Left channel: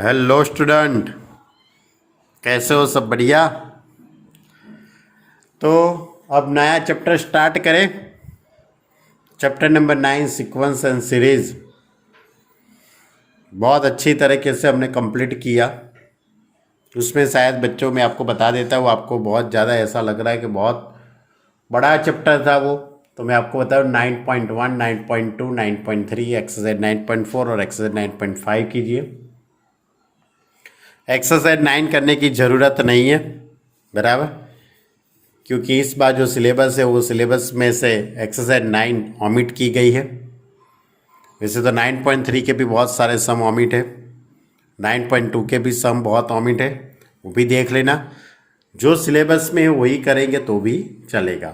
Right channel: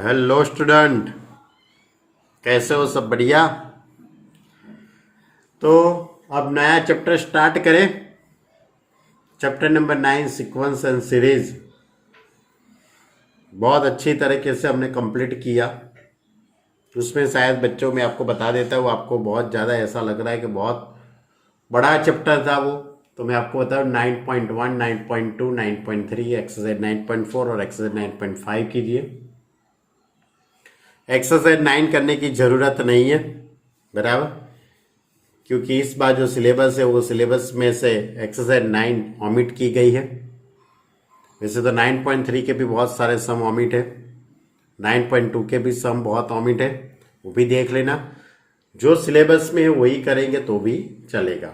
Hello student, कैसे हो? सब बढ़िया। तो अब नया चैप्टर स्टार्ट करें। Chapter number 9, sequence and series. बहुत अच्छी तरीके से हमने कंप्लीट किया। उसमें शायद बच्चों में आपको बता देता हूँ, आपको बहुत ज़्यादा ऐसा लग रहा है कि बहुत बड़ा चैप्टर था वो। तो मैं आपको बताऊँ 9.1, 9.2, 9.3, एक्सरसाइज 9.4 और एक्सरसाइज 9.5 कीजिए। एक्सरसाइज 9 करने की ज़रूरत नहीं है, बराबर, क्योंकि इस बार जो सिलेबस है वो सिलेबस में से एक्सरसाइज 9 ऑमिट की गई है। वैसे तो 9.3 के भी बहुत सारे सम ऑमिट है, 9.2 के भी सम बहुत ऑमिट है, वो भी देख लेना। जो सिलेबस में है वही करेंगे तो भी चलेगा।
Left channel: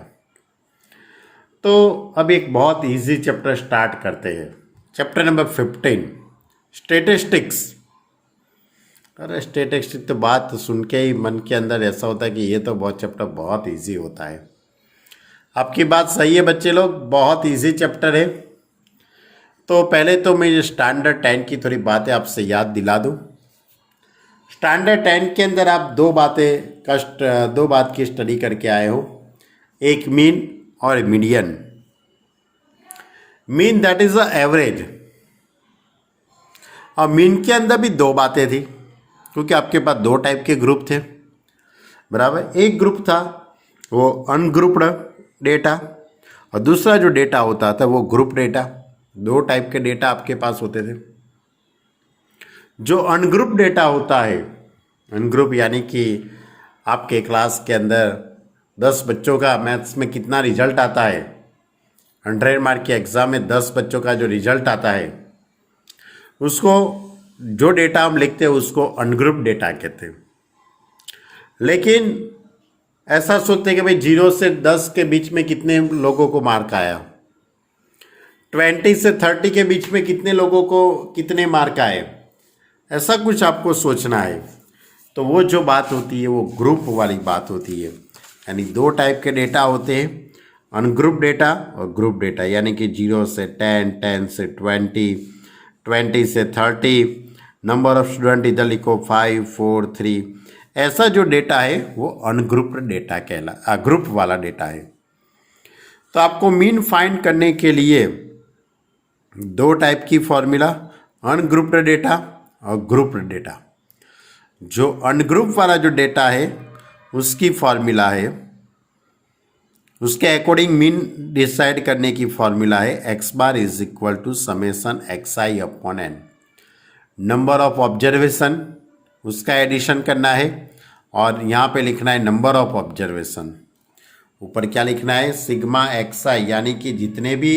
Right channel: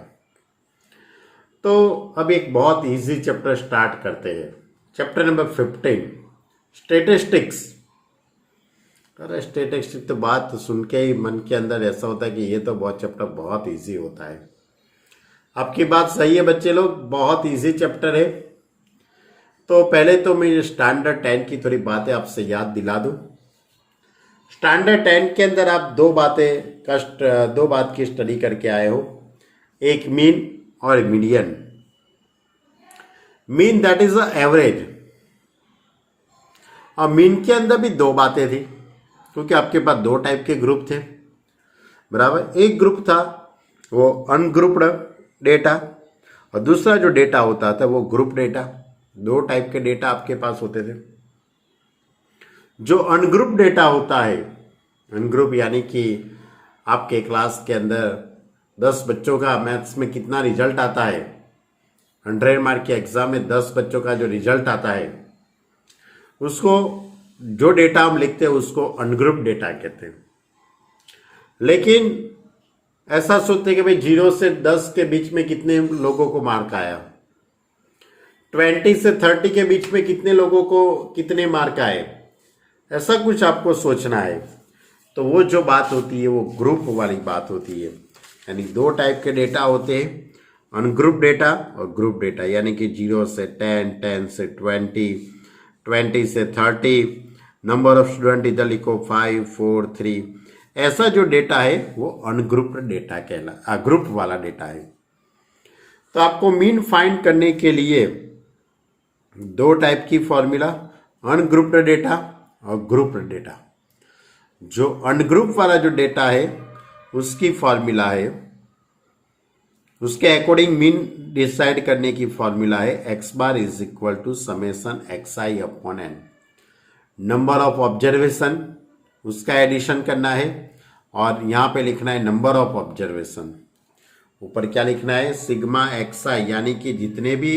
तो अब एक बहुत इजी चैप्टर स्टार्ट करते हैं। Chapter number 15, statistics. अरे स्टेटिस्टिक्स तो बात सुन के ही मन के अंदर ऐसा होता है कि ये तो बहुत चैप्टर बहुत इजी होता है। आपकी बात सही है बच्चे लोग, बहुत इजी चैप्टर है। तो पहले तो मैं स्टैंडर्ड 10 की थोड़ी बातें आपसे याद दिला दूं। स्टैंडर्ड 10 के अंदर आप दो बात की स्टडी करके आए हो, एक मीन और median. Mean that is the average, और मीन के अंदर भी दो बातें थी, क्योंकि आपके पास दो टाइप के ग्रुप थे, बराबर। एक ग्रुप था वो अनग्रुप्ड डेटा, और दूसरा जो डेटा होता था वो ग्रुप डेटा। दो टाइप के डेटा आपके पास होते थे। जो अनग्रुप डेटा होता है, अनग्रुप यानी कि आपके क्लास के अंदर 10 बच्चों का मैथ्स में कितना रिजल्ट आता है, 100 मार्क के एग्जाम में 10 बच्चों का जो रिजल्ट आता है, उसको जो डेटा हम लिखते हैं उसको अनग्रुप डेटा कहते हैं। लेकिन ऐसा सोचते हैं कि भाई 0 से 10 के बीच में कितने लोगों को मार्क आया, 20 से 30 के बीच में कितने लोगों को कितने मार्क आए, ऐसा कुछ आपको सोचना है। तो वो जो बात होती है वो ग्रुप वाली बात होती है। यानी दो टाइप के डेटा होते हैं, अनग्रुप डेटा और ग्रुप डेटा। यानी कि 0 से 10, 10 से 20, 20 से 30, नंबर ऑफ स्टूडेंट इधर लिखो 5, 4, 3। ऐसा जो डेटा है वो अनग्रुप्ड डेटा ग्रुप वाला डेटा है। तो आपको मीन फाइंड करने के लिए दो टाइप की फॉर्मूला, अनग्रुप्ड डेटा और ग्रुप्ड डेटा। जो अनग्रुप वाला जो डेटा है उसकी फॉर्मूला है, उसके अकॉर्डिंग मीन डिसाइड करने की फॉर्मूला है x bar is equal to summation x I upon n. Number of observation उसका एडिशन करना है, और यहाँ पे लिखना है नंबर ऑफ ऑब्जर्वेशन। ऊपर क्या लिखना है, सिग्मा एक्स आई, यानी कि जितने भी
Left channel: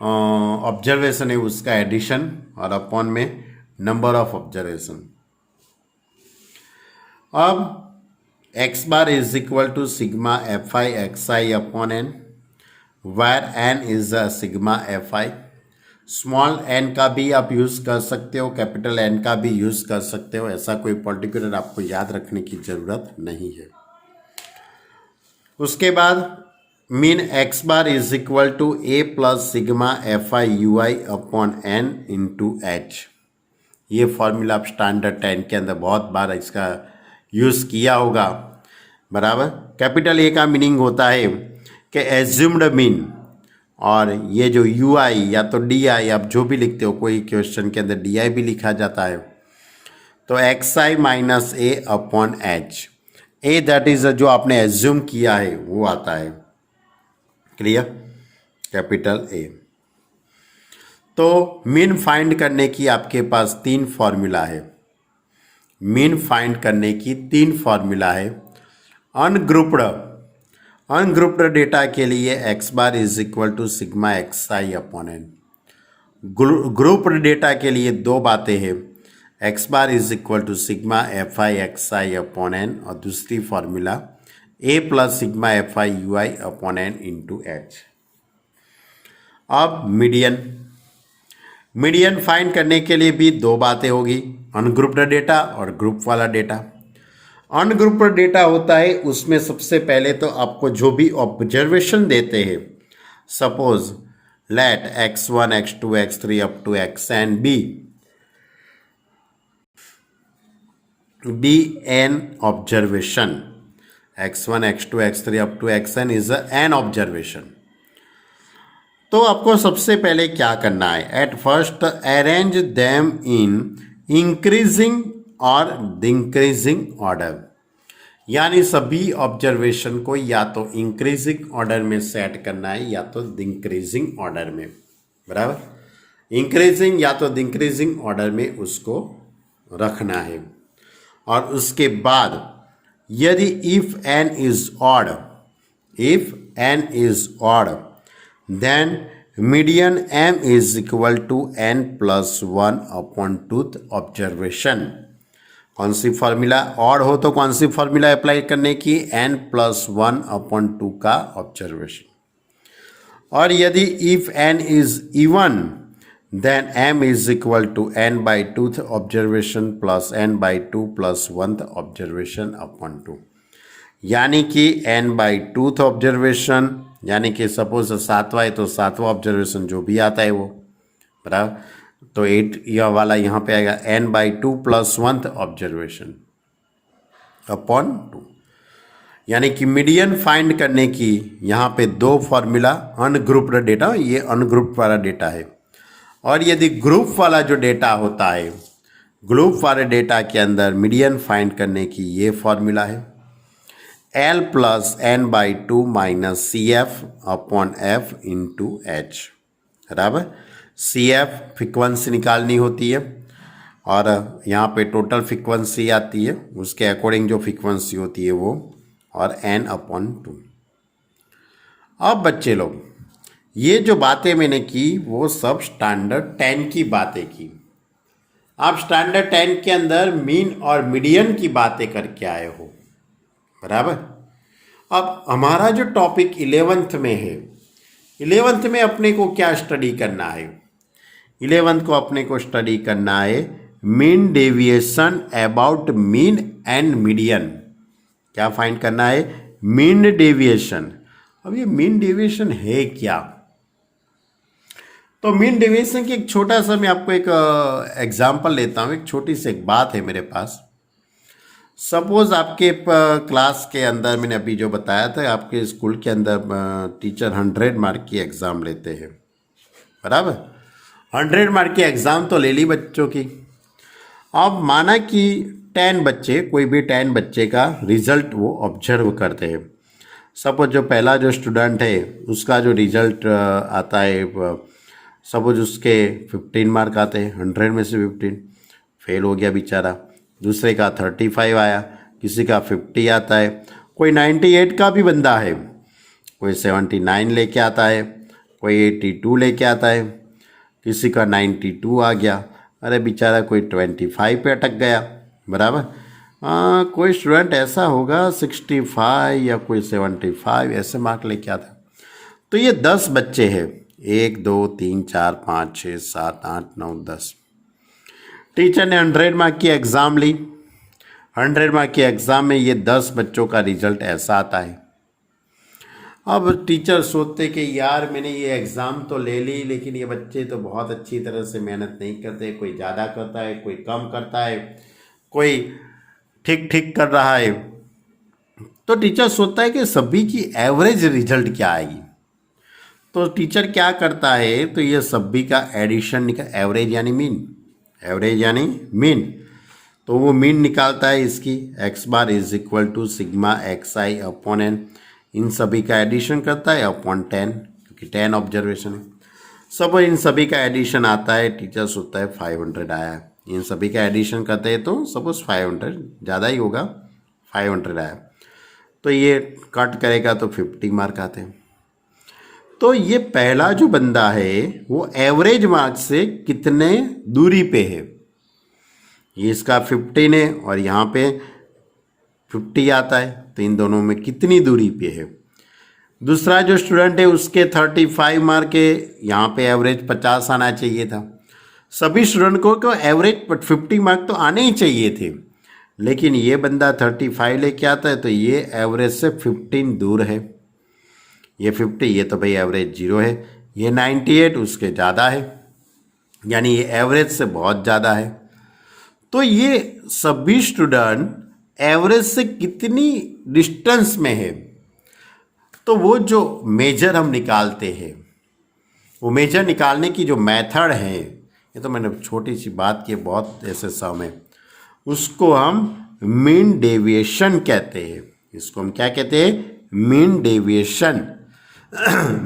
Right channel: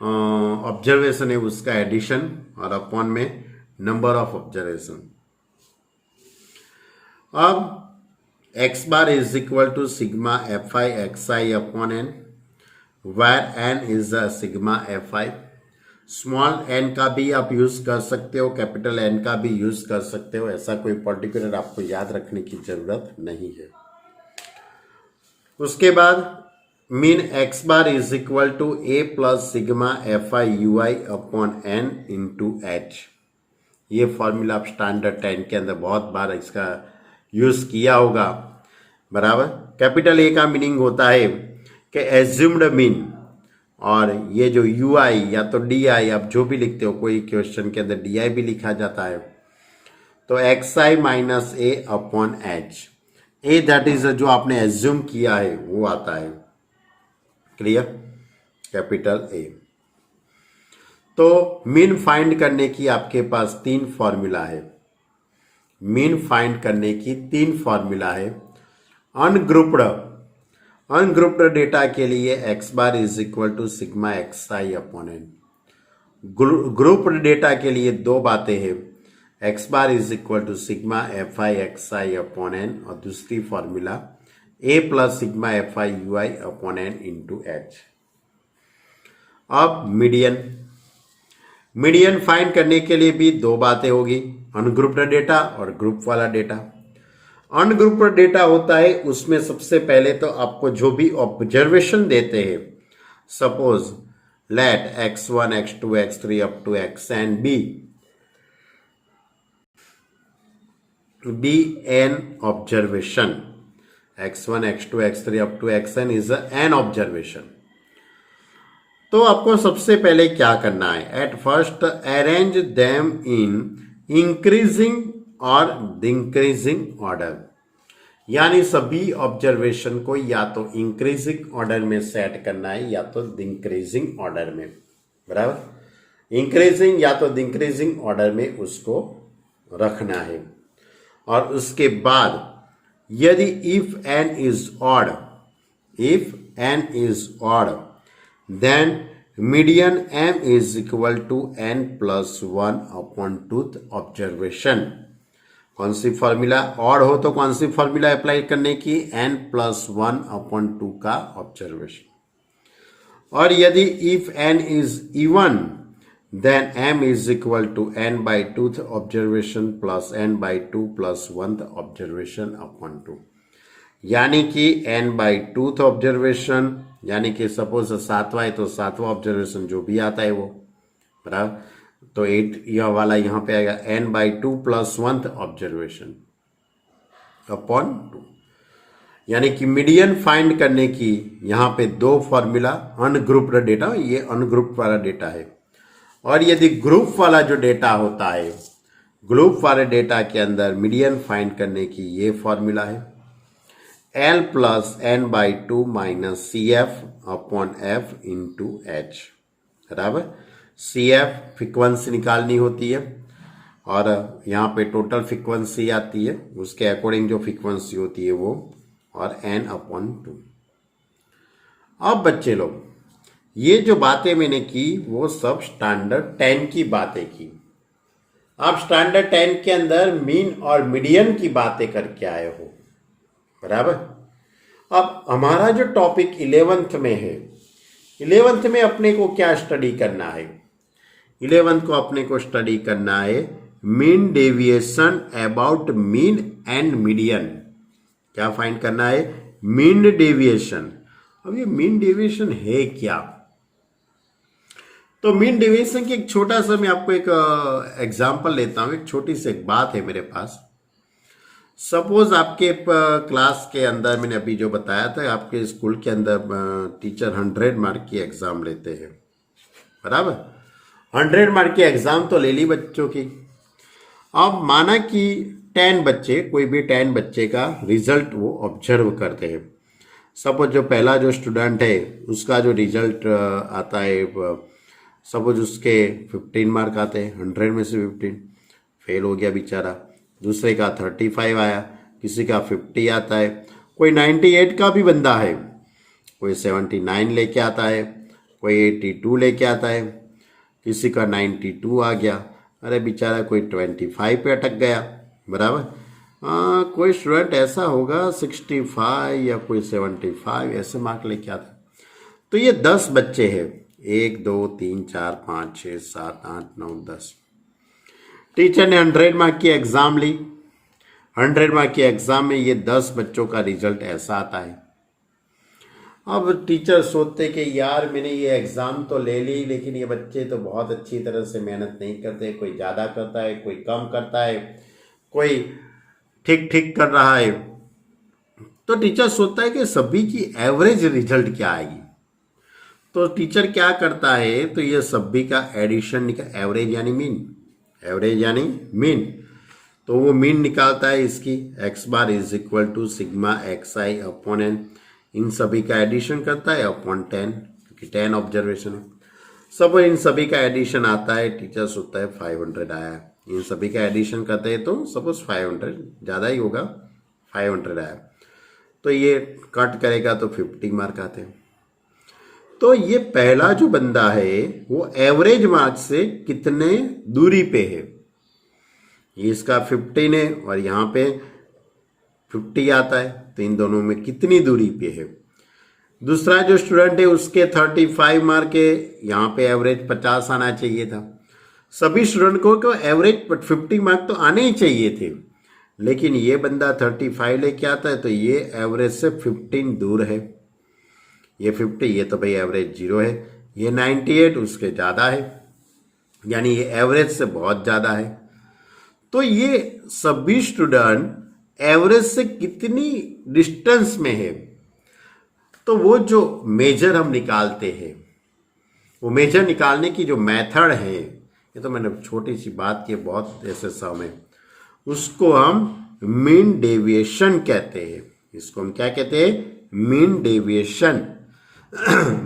ऑब्जर्वेशन है उसका एडिशन, और अपॉन में नंबर ऑफ ऑब्जर्वेशन। अब x bar is equal to sigma F i x I upon n, where n is a sigma F i. Small n का भी आप यूज कर सकते हो, कैपिटल एन का भी यूज कर सकते हो, ऐसा कोई पर्टिकुलर आपको याद रखने की जरूरत नहीं है। उसके बाद mean x bar is equal to a plus sigma F i u i upon n into h. ये फॉर्मूला आप स्टैंडर्ड 10 के अंदर बहुत बार इसका यूज किया होगा, बराबर। कैपिटल ए का मीनिंग होता है कि एज्यूम्ड मीन, और ये जो यू आई या तो डी आई, आप जो भी लिखते हो, कोई क्वेश्चन के अंदर डी आई भी लिखा जाता है, तो x I minus A upon H. A that is जो आपने एज्यूम किया है वो आता है, क्लियर, कैपिटल ए। तो मीन फाइंड करने की आपके पास तीन फॉर्मूला है। मीन फाइंड करने की तीन फॉर्मूला है। अनग्रुप्ड डेटा के लिए x bar is equal to sigma x I upon n. Grouped data के लिए दो बातें हैं, x bar is equal to sigma F i x I upon N, और दूसरी formula a plus sigma F i u i upon n into h. अब median find करने के लिए भी दो बातें होगी, अनग्रुप्ड डेटा और ग्रुप वाला डेटा। अनग्रुप्ड डेटा होता है उसमें सबसे पहले तो आपको जो भी ऑब्जर्वेशन देते हैं, suppose let x1 x2 x3 up to xn be, be an observation. x1 x2 x3 up to xn is an observation. तो आपको सबसे पहले क्या करना है, at first arrange them in increasing और डिक्रीजिंग ऑर्डर, यानी सभी ऑब्जर्वेशन को या तो इंक्रीजिंग ऑर्डर में सेट करना है या तो डिक्रीजिंग ऑर्डर में, बराबर, इंक्रीजिंग या तो डिक्रीजिंग ऑर्डर में उसको रखना है। और उसके बाद यदि if n is odd, if n is odd then median m is equal to n plus one upon twoth observation. कौन सी फॉर्मूला, ऑड हो तो कौन सी फॉर्मूला अप्लाई करने की, n plus one upon two का ऑब्जर्वेशन। और यदि if n is even then m is equal to n by 2th observation plus n by 2 plus 1th observation upon 2, यानी कि n by 2th observation, यानी कि suppose 7वां है तो 7वां observation जो भी आता है वो, बराबर, तो 8 यह वाला यहाँ पे आएगा n by 2 plus 1th observation upon 2, यानी कि मीडियन फाइंड करने की यहाँ पे दो फॉर्मूला, अनग्रुप्ड डेटा, ये अनग्रुप्ड वाला डेटा है। और यदि ग्रुप वाला जो डेटा होता है, ग्रुप वाले डेटा के अंदर मीडियन फाइंड करने की ये फॉर्मूला है, L plus n by two minus c f upon f into h, बराबर। सी एफ फ्रिक्वेंसी निकालनी होती है और यहाँ पे टोटल फ्रिक्वेंसी आती है, उसके अकॉर्डिंग जो फ्रिक्वेंसी होती है वो, और एन अपॉन टू। अब बच्चे लोग, ये जो बातें मैंने की वो सब स्टैंडर्ड 10 की बातें की। आप स्टैंडर्ड 10 के अंदर मीन और मीडियन की बातें करके आए हो, बराबर। अब हमारा जो टॉपिक 11th में है, 11th में अपने को क्या स्टडी करना है, 11th को अपने को स्टडी करना है mean deviation about mean and median. क्या फाइंड करना है, मीन डेविएशन। अब ये मीन डेविएशन है क्या, तो मीन डेविएशन की एक छोटा सा मैं आपको एक एग्जांपल लेता हूँ। एक छोटी सी एक बात है मेरे पास। सपोज आपके क्लास के अंदर, मैंने अभी जो बताया था, आपके स्कूल के अंदर टीचर 100 मार्क की एग्ज़ाम लेते हैं, बराबर। 100 मार्क की एग्ज़ाम तो ले ली बच्चों की। अब माना कि 10 बच्चे, कोई भी 10 बच्चे का रिजल्ट वो ऑब्जर्व करते हैं। सपोज जो पहला जो स्टूडेंट है उसका जो रिजल्ट आता है, सपोज उसके 15 मार्क आते हैं, 100 में से 15 फेल हो गया बेचारा। दूसरे का 35 आया, किसी का 50 आता है, कोई 98 का भी बंदा है, कोई 79 लेके आता है, कोई 82 लेके आता है, किसी का 92 आ गया। अरे बेचारा कोई 25 पे अटक गया, बराबर। कोई स्टूडेंट ऐसा होगा 65 या कोई 75 ऐसे मार्क लेके आता। तो ये 10 बच्चे हैं, 1 2 3 4 5 6 7 8 9 10। टीचर ने 100 मार्क की एग्ज़ाम ली। 100 मार्क की एग्ज़ाम में ये 10 बच्चों का रिजल्ट ऐसा आता है। अब टीचर सोचते कि यार मैंने ये एग्ज़ाम तो ले ली, लेकिन ये बच्चे तो बहुत अच्छी तरह से मेहनत नहीं करते, कोई ज़्यादा करता है, कोई कम करता है, कोई ठीक ठीक कर रहा है। तो टीचर सोचता है कि सभी की एवरेज रिजल्ट क्या आएगी। तो टीचर क्या करता है, तो ये सभी का एडिशन निकाल, एवरेज यानी मीन, एवरेज यानी मीन, तो वो मीन निकालता है इसकी। X bar is equal to sigma x I upon n, इन सभी का एडिशन करता है अपॉन 10, क्योंकि 10 ऑब्जर्वेशन है। सब इन सभी का एडिशन आता है, टीचर सोचता है 500 आया है। इन सभी का एडिशन करते हैं तो सपोज 500, ज़्यादा ही होगा, 500 आया, तो ये कट करेगा तो 50 मार्क आते हैं। तो ये पहला जो बंदा है वो एवरेज मार्क से कितने दूरी पे है, ये इसका 15 है और यहाँ पे 50 आता है, तो इन दोनों में कितनी दूरी पे है। दूसरा जो स्टूडेंट है उसके 35 मार्क है, यहाँ पे एवरेज 50 आना चाहिए था। सभी स्टूडेंट को एवरेज 50 मार्क तो आने ही चाहिए थे, लेकिन ये बंदा 35 लेके आता है, तो ये एवरेज से 15 दूर है। ये 50, ये तो भाई एवरेज 0 है। ये 98 उसके ज़्यादा है, यानी ये एवरेज से बहुत ज़्यादा है। तो ये सभी स्टूडेंट एवरेज से कितनी डिस्टेंस में है, तो वो जो मेजर हम निकालते हैं, वो मेजर निकालने की जो मेथड है, ये तो मैंने छोटी सी बात की, बहुत ऐसे समय, उसको हम मीन डेविएशन कहते हैं। इसको हम क्या कहते हैं? Mean deviation.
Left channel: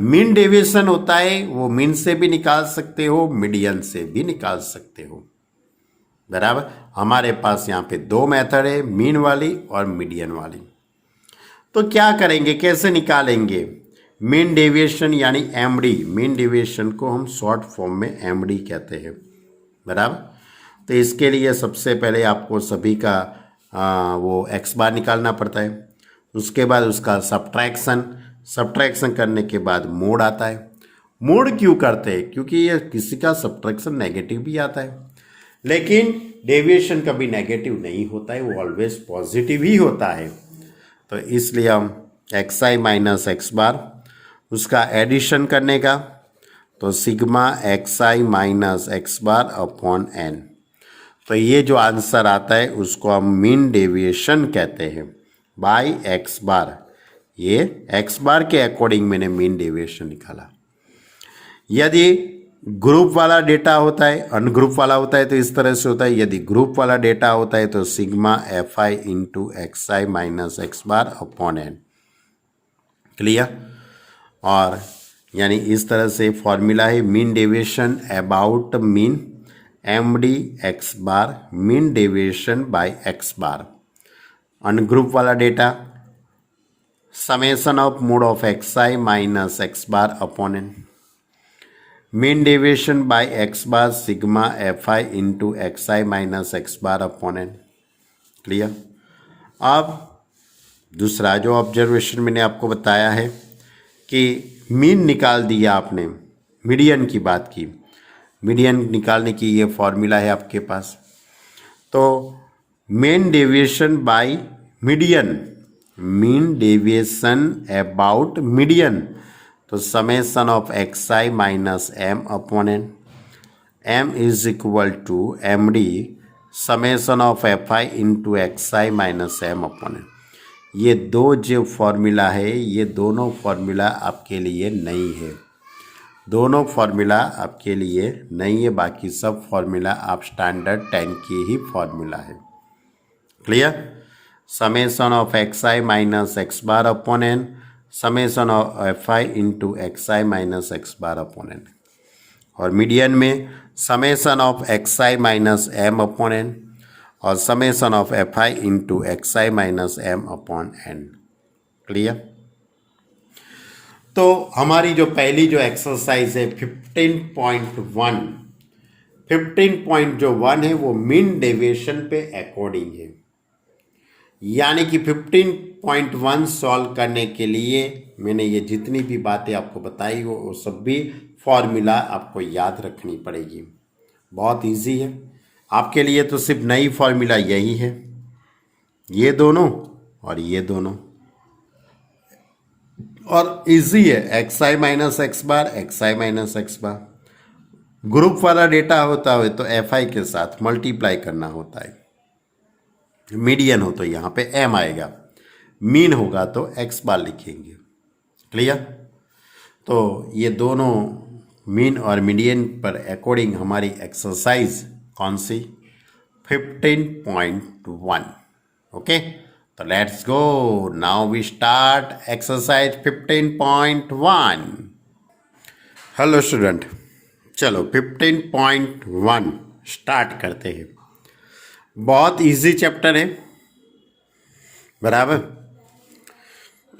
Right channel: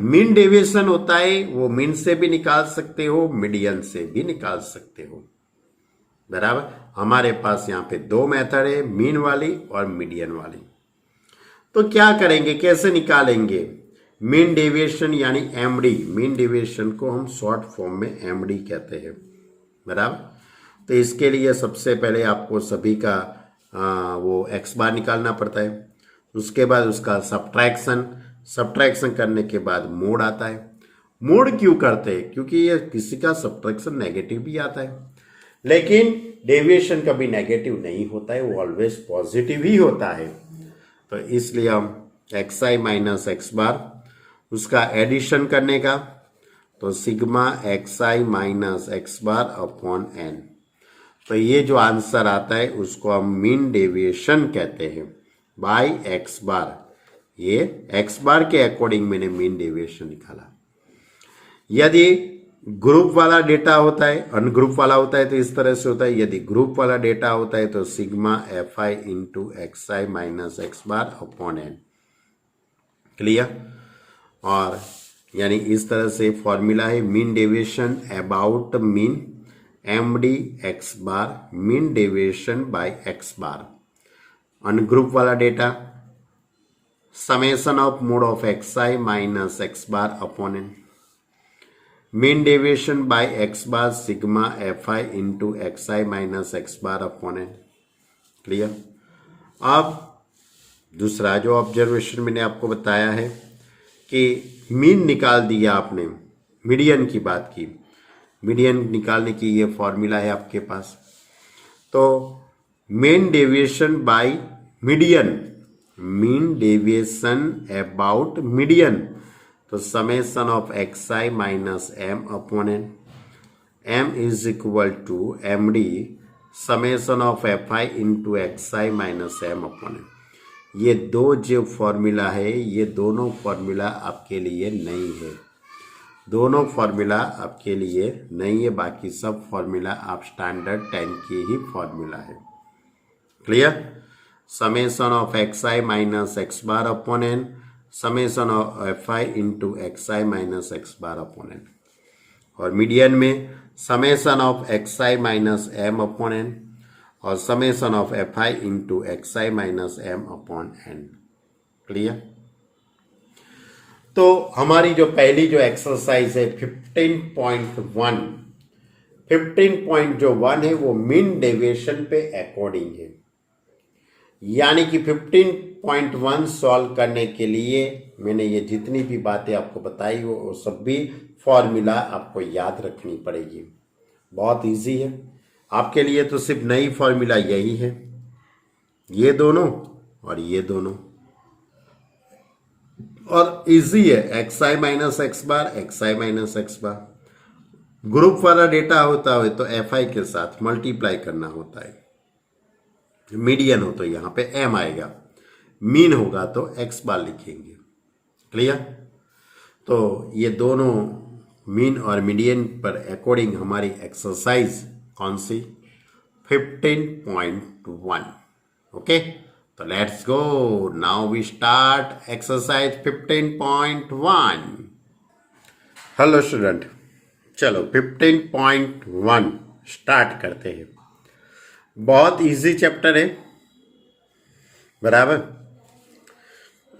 मीन डेविएशन होता है, वो मीन से भी निकाल सकते हो, मीडियन से भी निकाल सकते हो, बराबर। हमारे पास यहाँ पे दो मेथड है, मीन वाली और मीडियन वाली। तो क्या करेंगे, कैसे निकालेंगे मीन डेविएशन यानी एमडी? मीन डेविएशन को हम शॉर्ट फॉर्म में एमडी कहते हैं, बराबर। तो इसके लिए सबसे पहले आपको सभी का वो एक्स बार निकालना पड़ता है, उसके बाद उसका सब्ट्रैक्शन करने के बाद मोड आता है। मोड क्यों करते हैं? क्योंकि ये किसी का सब्ट्रैक्शन नेगेटिव भी आता है, लेकिन डेविएशन कभी नेगेटिव नहीं होता है, वो ऑलवेज पॉजिटिव ही होता है। तो इसलिए हम एक्स आई माइनस एक्स बार, उसका एडिशन करने का, तो सिग्मा एक्स आई minus x bar upon n. तो ये जो आंसर आता है उसको हम मीन डेविएशन कहते हैं बाय एक्स बार। ये एक्स बार के अकॉर्डिंग मैंने मीन डेविएशन निकाला। यदि ग्रुप वाला डेटा होता है, अनग्रुप वाला होता है तो इस तरह से होता है। यदि ग्रुप वाला डेटा होता है तो sigma F I into X I minus x bar upon N. Clear? और यानी इस तरह से फॉर्मूला है mean deviation about mean M D X bar, mean deviation by x bar. Ungroup वाला data summation of mod of X I minus x bar upon N. Mean deviation by x bar sigma F I into X I minus x bar upon N. Clear? अब दूसरा जो observation मैंने आपको बताया है कि mean निकाल दिया आपने, मीडियन की बात की, मीडियन निकालने की ये फॉर्मूला है आपके पास। तो mean deviation by median, mean deviation about median, तो summation of X I minus M upon N. M is equal to M D summation of F I into X I minus M upon N. ये दो जो formula है, ये दोनों formula आपके लिए नहीं है, दोनों फॉर्मूला आपके लिए नहीं है। बाकी सब फॉर्मूला आप स्टैंडर्ड 10 के ही फॉर्मूला है। Clear? Summation of X I minus x bar upon N, summation of F I into X I minus x bar upon N. और मीडियन में summation of X I minus M upon N और summation of F I into X I minus M upon N. Clear? तो हमारी जो पहली जो exercise है 15.1, 15.1 है वो मीन डेविएशन पे अकॉर्डिंग है। यानी कि 15.1 सॉल्व करने के लिए मैंने ये जितनी भी बातें आपको बताई वो सब भी फॉर्मूला आपको याद रखनी पड़ेगी। बहुत इजी है आपके लिए, तो सिर्फ नई फॉर्मूला यही है, ये दोनों और ये दोनों, और इजी है। एक्स आई माइनस एक्स बार, एक्स आई माइनस एक्स बार। ग्रुप वाला डेटा होता है तो एफ आई के साथ मल्टीप्लाई करना होता है। मीडियन हो तो यहाँ पे एम आएगा, मीन होगा तो एक्स बार लिखेंगे। क्लियर? तो ये दोनों मीन और मीडियन पर अकॉर्डिंग हमारी एक्सरसाइज कौन सी? 15.1। ओके, तो let's go now we start exercise 15.1। Hello student, चलो 15.1 स्टार्ट करते हैं। बहुत इजी चैप्टर है, बराबर।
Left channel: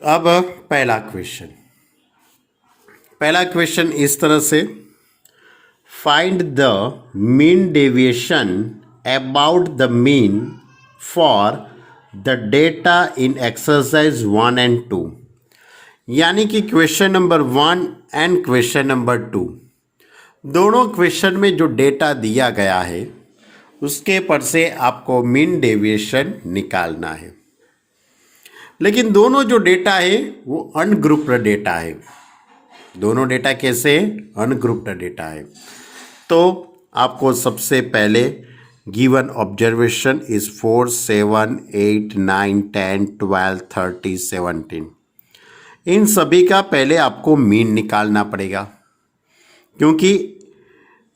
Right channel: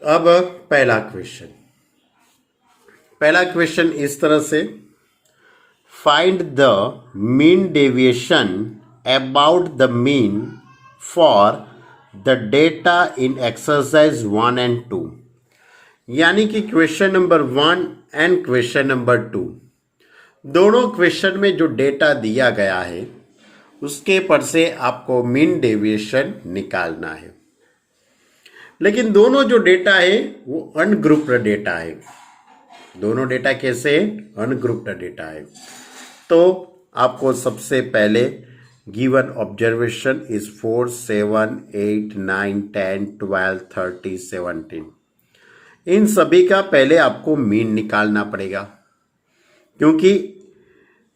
अब पहला क्वेश्चन इस तरह से, find the mean deviation about the mean for the data in exercise 1 and 2। यानी कि question number 1 and question number 2 दोनों क्वेश्चन में जो डेटा दिया गया है उसके पर से आपको मीन डेविएशन निकालना है। लेकिन दोनों जो डेटा है वो अनग्रुप्ड डेटा है। दोनों डेटा कैसे? अनग्रुप्ड डेटा है। तो आपको सबसे पहले गिवन ऑब्जर्वेशन इज 4, 7, 8, 9, 10, 12, 30, 17। इन सभी का पहले आपको मीन निकालना पड़ेगा, क्योंकि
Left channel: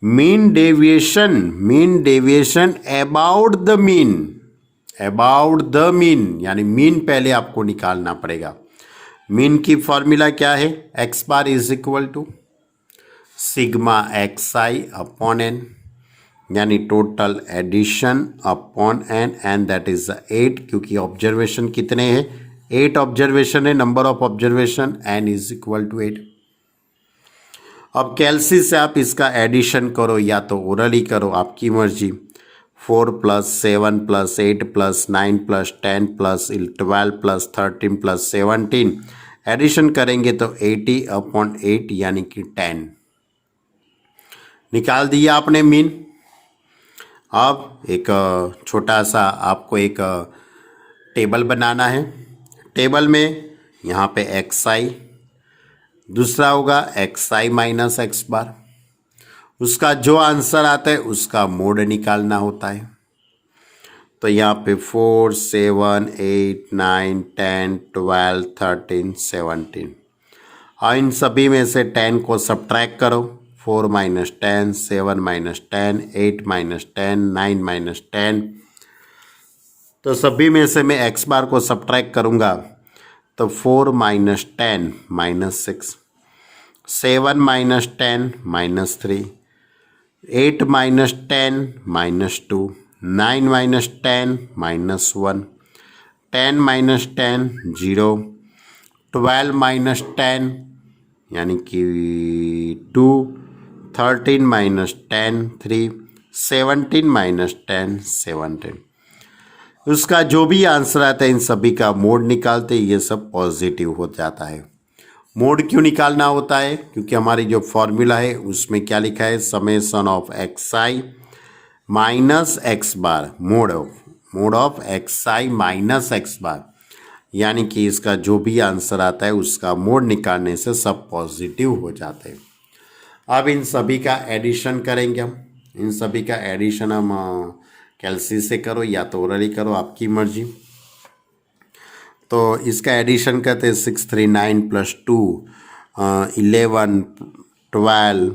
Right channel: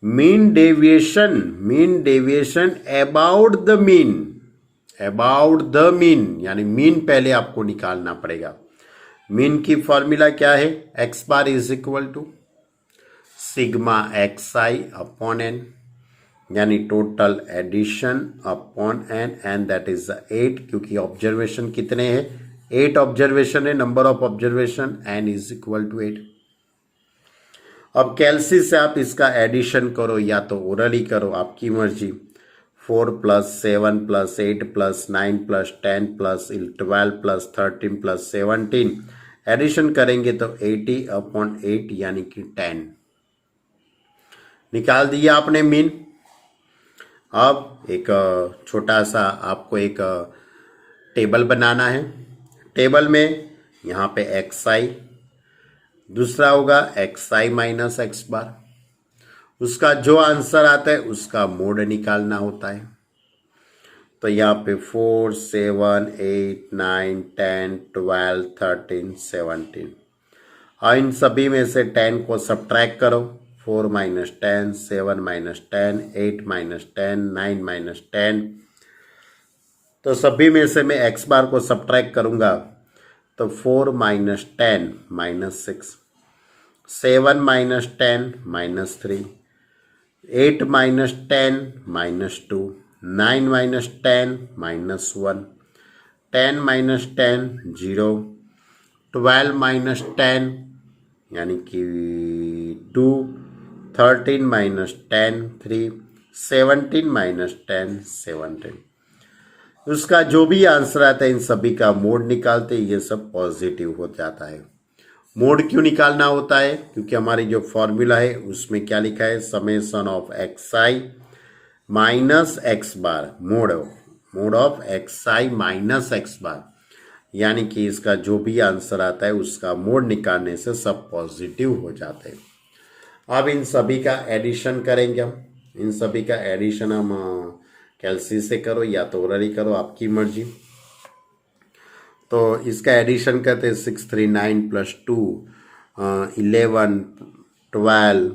mean deviation about the mean यानी मीन पहले आपको निकालना पड़ेगा। मीन की फॉर्मूला क्या है? X bar is equal to sigma x I upon N, यानी total addition upon N, and that is 8, क्योंकि ऑब्जर्वेशन कितने हैं? 8 ऑब्जर्वेशन है, number of observation, N is equal to 8। अब कैलसी से आप इसका एडिशन करो या तो ओरली करो, आपकी मर्जी। 4 + 7 + 8 + 9 + 10 + 12 + 13 + 17 एडिशन करेंगे तो 80/8 यानी कि 10 निकाल दिया आपने मीन। अब एक छोटा सा आपको एक टेबल बनाना है। टेबल में यहाँ पे एक्स आई, दूसरा होगा एक्स आई माइनस एक्स बार। उसका जो आंसर आता है उसका मोड निकालना होता है। तो यहाँ पे 4, 7, 8, 9, 10, 12, 13, 17 और इन सभी में से 10 को सब्ट्रैक्ट करो। 4 - 10, 7 - 10, 8 - 10, 9 - 10। तो सभी में से मैं एक्स बार को सब्ट्रैक्ट करूँगा तो 4 - 10 -6, 7 - 10 -3, 8 - 10 -2, 9 - 10 -1, 10 - 10 0, 12 - 10 यानी कि 2, 13 - 10 3, 17 - 10 17। उसका जो भी आंसर आता है इन सभी का मोड निकालते ये सब पॉजिटिव हो जाता है। मोड क्यों निकालना होता है? क्योंकि हमारी जो फॉर्मूला है उसमें क्या लिखा है? Summation of X I minus x bar, mod of X I minus x bar, यानी कि इसका जो भी आंसर आता है उसका मोड निकालने से सब पॉजिटिव हो जाते हैं। अब इन सभी का एडिशन करेंगे हम। इन सभी का एडिशन हम कैलसी से करो या तो ओरली करो, आपकी मर्जी। तो इसका एडिशन करते हैं 6, 3, 9 + 2 11, 12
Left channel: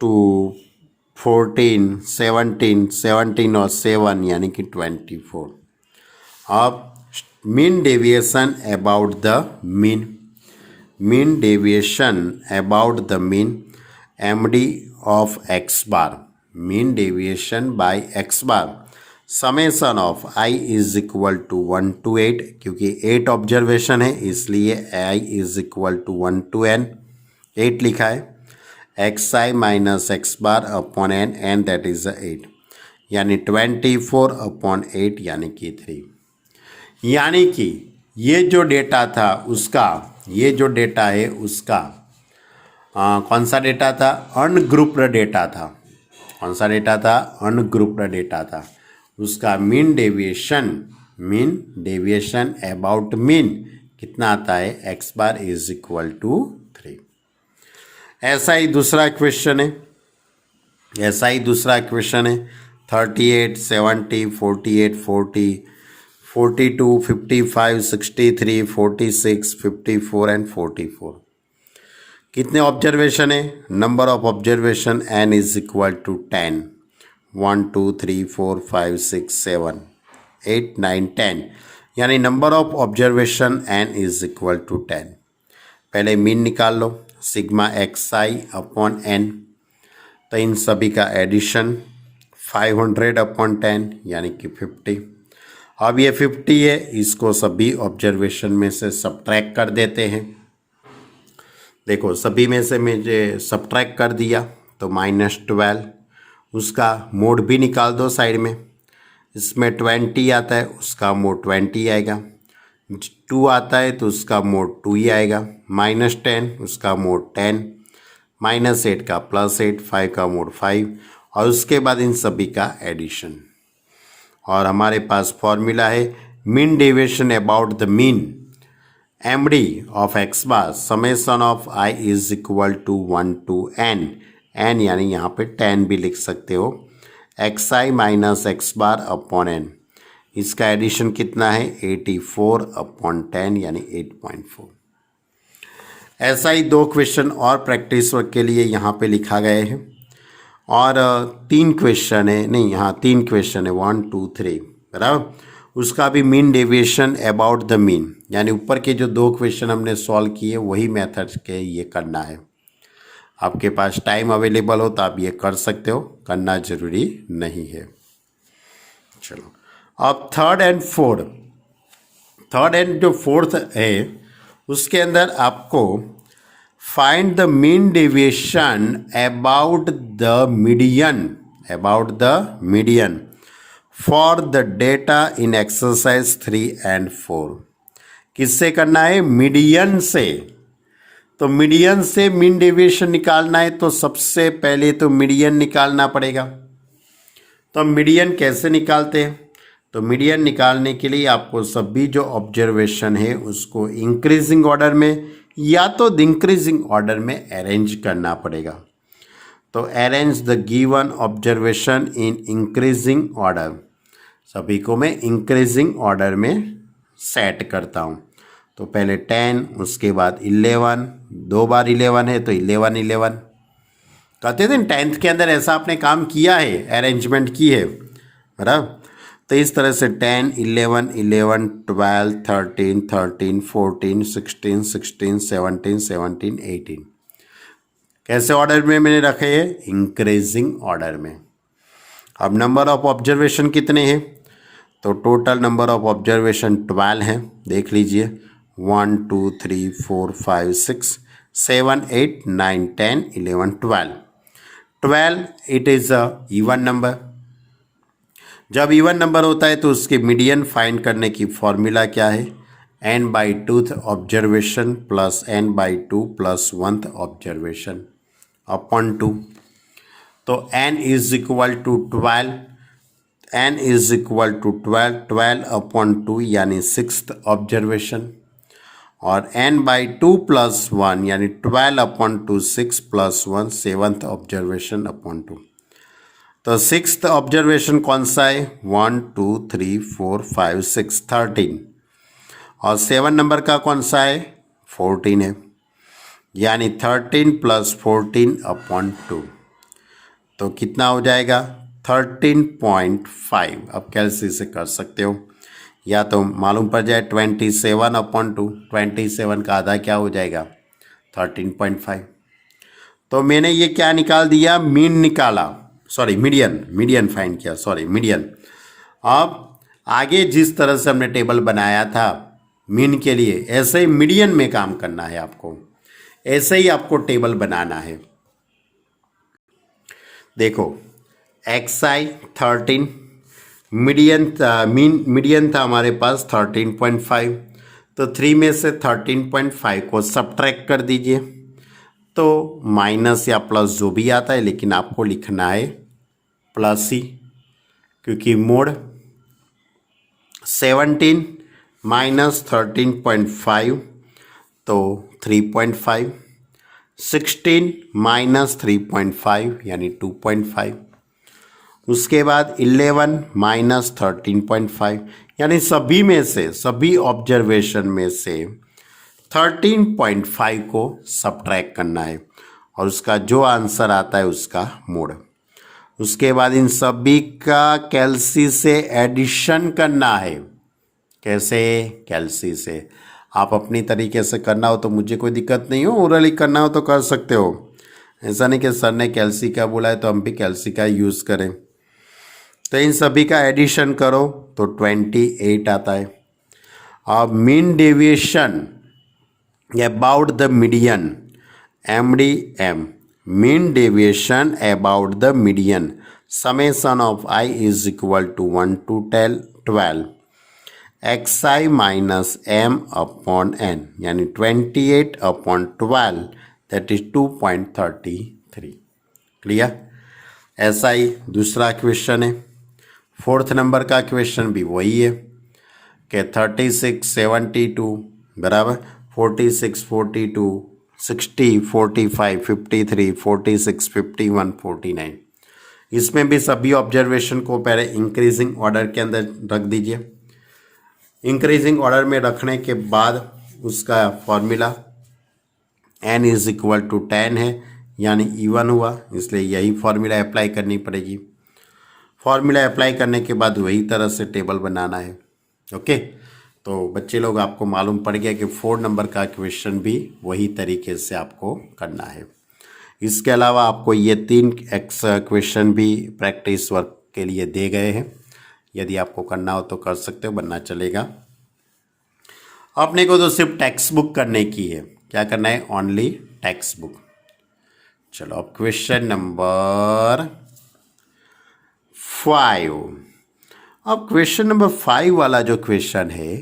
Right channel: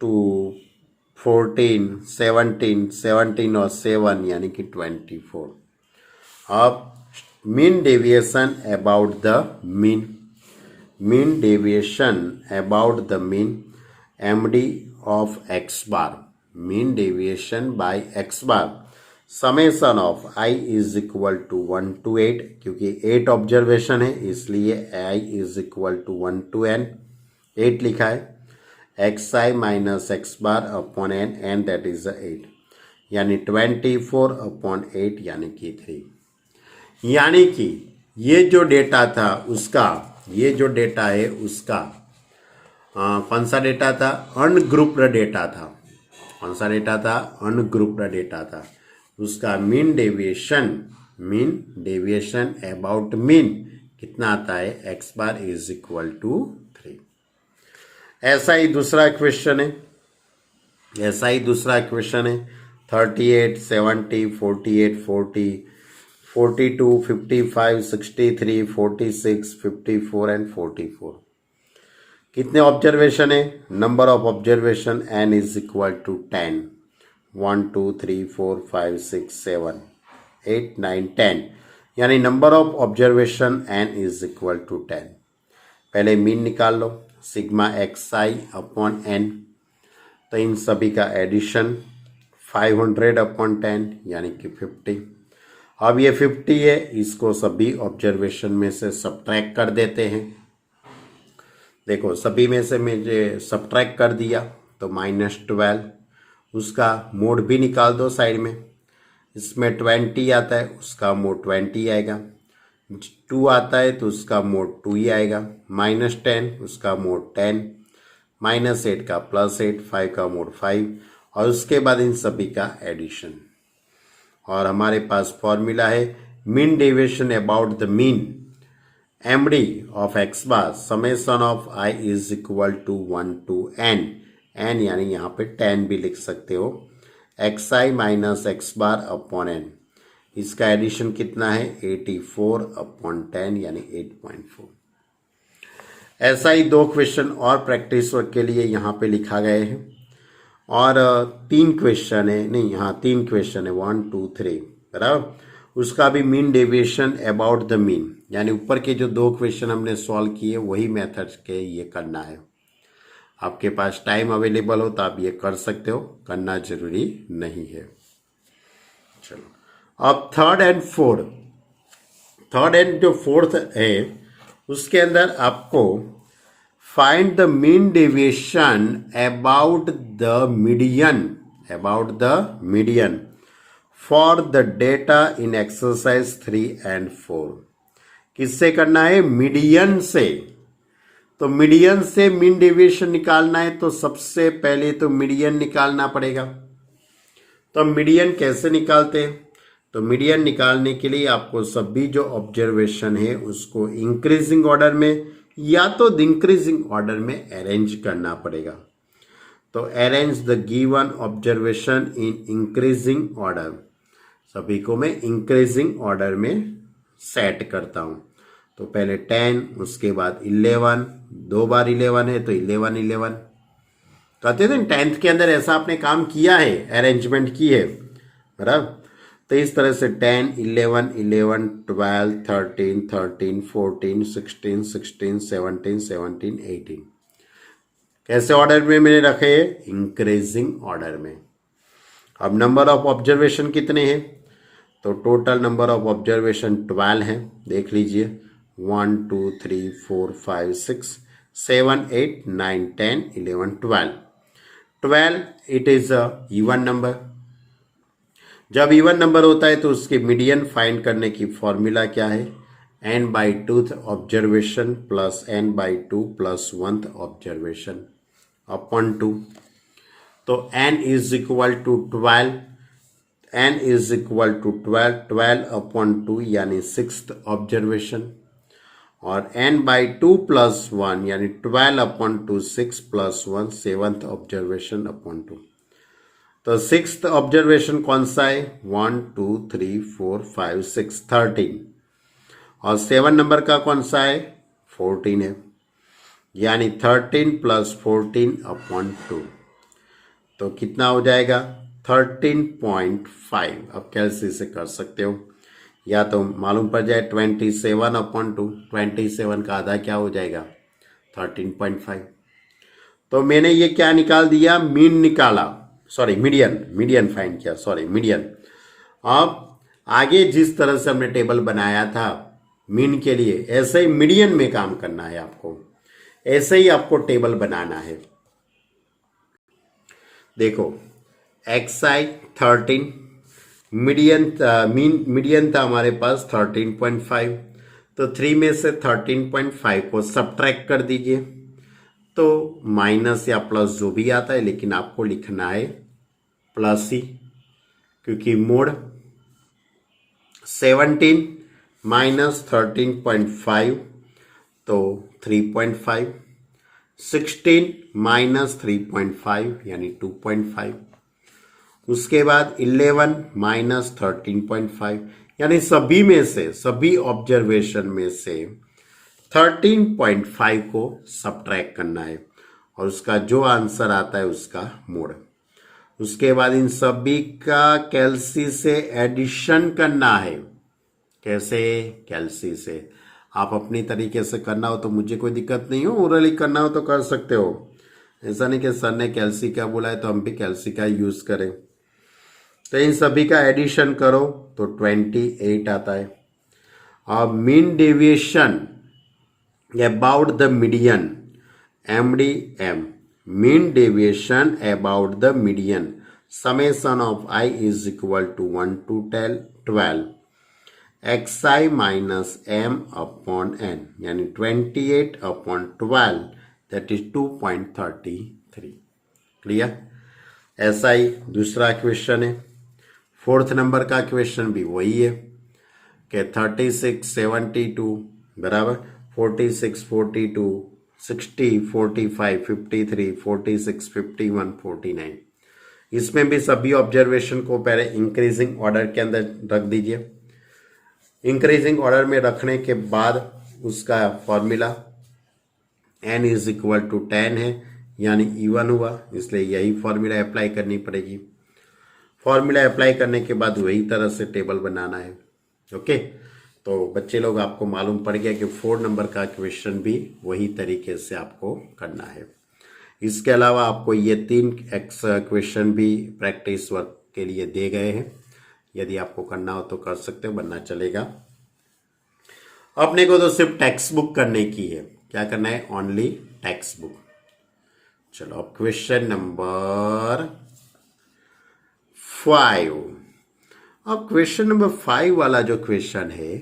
2 14 17 17 और 7 यानी कि 24। अब mean deviation about the mean deviation about the mean MD of x bar, mean deviation by x bar, summation of I is equal to 1 to 8, क्योंकि 8 ऑब्जर्वेशन है इसलिए I is equal to 1 to n, 8 लिखा है। X I minus x bar upon N, and that is 8, यानी 24/8 यानी कि 3। यानी कि ये जो डेटा था उसका, ये जो डेटा है उसका कौन सा डेटा था? अनग्रुप्ड डेटा था। कौन सा डेटा था? अनग्रुप्ड डेटा था। उसका मीन डेविएशन अबाउट मीन कितना आता है? X bar is equal to 3। ऐसा ही दूसरा क्वेश्चन है 38, 70, 48, 40, 42, 55, 63, 46, 54 एंड 44। कितने ऑब्जर्वेशन है? Number of observation n is equal to 10, 1 2 3 4 5 6 7 8 9 10, यानी number of observation n is equal to 10। पहले मीन निकाल लो, सिग्मा एक्स आई अपॉन एन। तो इन सभी का एडिशन 500/10 यानी कि 50। अब ये 50 है, इसको सभी ऑब्जर्वेशन में से सब्ट्रैक्ट कर देते हैं। देखो सभी में से मुझे सब्ट्रैक्ट कर दिया तो -12, उसका मोड भी निकाल दो साइड में। इसमें 20 आता है, उसका मोड 20 आएगा। 2 आता है तो उसका मोड 2 ही आएगा। -10 उसका मोड 10, -8 का +8, 5 का मोड 5, और उसके बाद इन सभी का एडिशन। और हमारे पास फॉर्मूला है mean deviation about the mean MD of x bar, summation of I is equal to 1 to n, n यानी यहाँ पे 10 भी लिख सकते हो। एक्स आई minus x bar upon N, इसका एडिशन कितना है 84/10 यानी 8.4। ऐसा ही 2 क्वेश्चन और प्रैक्टिस वर्क के लिए यहाँ पे लिखा गए हैं और 3 क्वेश्चन है, नहीं यहाँ 3 क्वेश्चन है 1 2 3 बराबर। उसका भी mean deviation about the mean, यानी ऊपर के जो 2 क्वेश्चन हमने सॉल्व किए वही मेथड्स के ये करना है। आपके पास टाइम अवेलेबल हो तो आप ये कर सकते हो, करना जरूरी नहीं है। चलो अब थर्ड एंड जो फोर्थ है उसके अंदर आपको find the mean deviation about the median for the data in exercise 3 and 4। किससे करना है? मीडियन से। तो मीडियन से मीन डेविएशन निकालना है तो सबसे पहले तो मीडियन निकालना पड़ेगा। तो मीडियन कैसे निकालते हैं? तो मीडियन निकालने के लिए आपको सभी जो ऑब्जर्वेशन है उसको इंक्रीजिंग ऑर्डर में या तो डिक्रीजिंग ऑर्डर में अरेंज करना पड़ेगा। तो arrange the given observation in increasing order, सभी को मैं इंक्रीजिंग ऑर्डर में सेट करता हूँ। तो पहले 10, उसके बाद 11, 2 बार 11 है तो 11 11 कहते थे। 10th के अंदर ऐसा आपने काम किया है, अरेंजमेंट की है बराबर। तो इस तरह से 10 11 11 12 13 13 14 16 16 17 17 18 कैसे ऑर्डर में मैंने रखे हैं? इंक्रीजिंग ऑर्डर में। अब नंबर ऑफ ऑब्जर्वेशन कितने हैं? तो टोटल नंबर ऑफ ऑब्जर्वेशन 12 है, देख लीजिए 1 2 3 4 5 6 7 8 9 10 11 12 it is a even number. जब इवन नंबर होता है तो उसके मीडियन फाइंड करने की फॉर्मूला क्या है? n/2th observation plus n/2 plus 1th observation upon 2। तो n is equal to 12, n is equal to 12 upon 2 यानी 6th ऑब्जर्वेशन, और n/2 प्लस 1 यानी 12 upon 2 6 plus 1 7th observation upon 2। तो 6th ऑब्जर्वेशन कौन सा है? 1 2 3 4 5 6 13, और 7 नंबर का कौन सा है? 14 है, यानी 13 प्लस 14 अपॉन 2। तो कितना हो जाएगा? 13.5। अब कैसे से कर सकते हो, या तो मालूम पड़ जाए 27 अपॉन 2, 27 का आधा क्या हो जाएगा? 13.5। तो मैंने ये क्या निकाल दिया? मीन निकाला, सॉरी मीडियन फाइंड किया, सॉरी मीडियन। अब आगे जिस तरह से हमने टेबल बनाया था मीन के लिए, ऐसे ही मीडियन में काम करना है आपको, ऐसे ही आपको टेबल बनाना है। देखो XI 13, मीडियन था हमारे पास 13.5, तो 3 में से 13.5 को सब्ट्रैक्ट कर दीजिए। तो माइनस या प्लस जो भी आता है, लेकिन आपको लिखना है प्लस ही, क्योंकि मोड 17 माइनस 13.5 तो 3.5, 16 माइनस 3.5 यानी 2.5, उसके बाद 11 माइनस 13.5 यानी सभी में से, सभी ऑब्जर्वेशन में से 13.5 को सब्ट्रैक्ट करना है और उसका जो आंसर आता है उसका मोड। उसके बाद इन सभी का कैल्सी से एडिशन करना है। कैसे? कैल्सी से। आप अपनी तरीके से करना हो तो मुझे कोई दिक्कत नहीं हो, ओरली करना हो तो कर सकते हो। ऐसा नहीं कि सर ने कैल्सी का बोला है तो हम भी कैल्सी का यूज़ करें। तो इन सभी का एडिशन करो तो 28 आता है। अब mean deviation about the median, MDM, mean deviation about the median, summation of I is equal to 1 to 12 xi minus m upon n, यानी 28 upon 12 that is 2.33। क्लियर? ऐसा ही दूसरा क्वेश्चन है, 4th नंबर का क्वेश्चन भी वही है कि 36 72 बराबर 46 42 60 45 53 46 51 49 इसमें भी सभी ऑब्जर्वेशन को पहले इंक्रीजिंग ऑर्डर के अंदर रख दीजिए। इंक्रीजिंग ऑर्डर में रखने के बाद उसका formula n is equal to 10 है, यानी इवन हुआ, इसलिए यही फॉर्मूला अप्लाई करनी पड़ेगी। फॉर्मूला अप्लाई करने के बाद वही तरह से टेबल बनाना है। ओके, तो बच्चे लोग आपको मालूम पड़ गया कि 4 नंबर का क्वेश्चन भी वही तरीके से आपको करना है। इसके अलावा आपको ये 3 क्वेश्चन भी प्रैक्टिस वर्क के लिए दे गए हैं, यदि आपको करना हो तो कर सकते हो, बनना चलेगा। अपने को तो सिर्फ टेक्स्ट बुक करने की है। क्या करना है? Only text book. चलो अब क्वेश्चन नंबर 5। अब क्वेश्चन नंबर 5 वाला जो क्वेश्चन है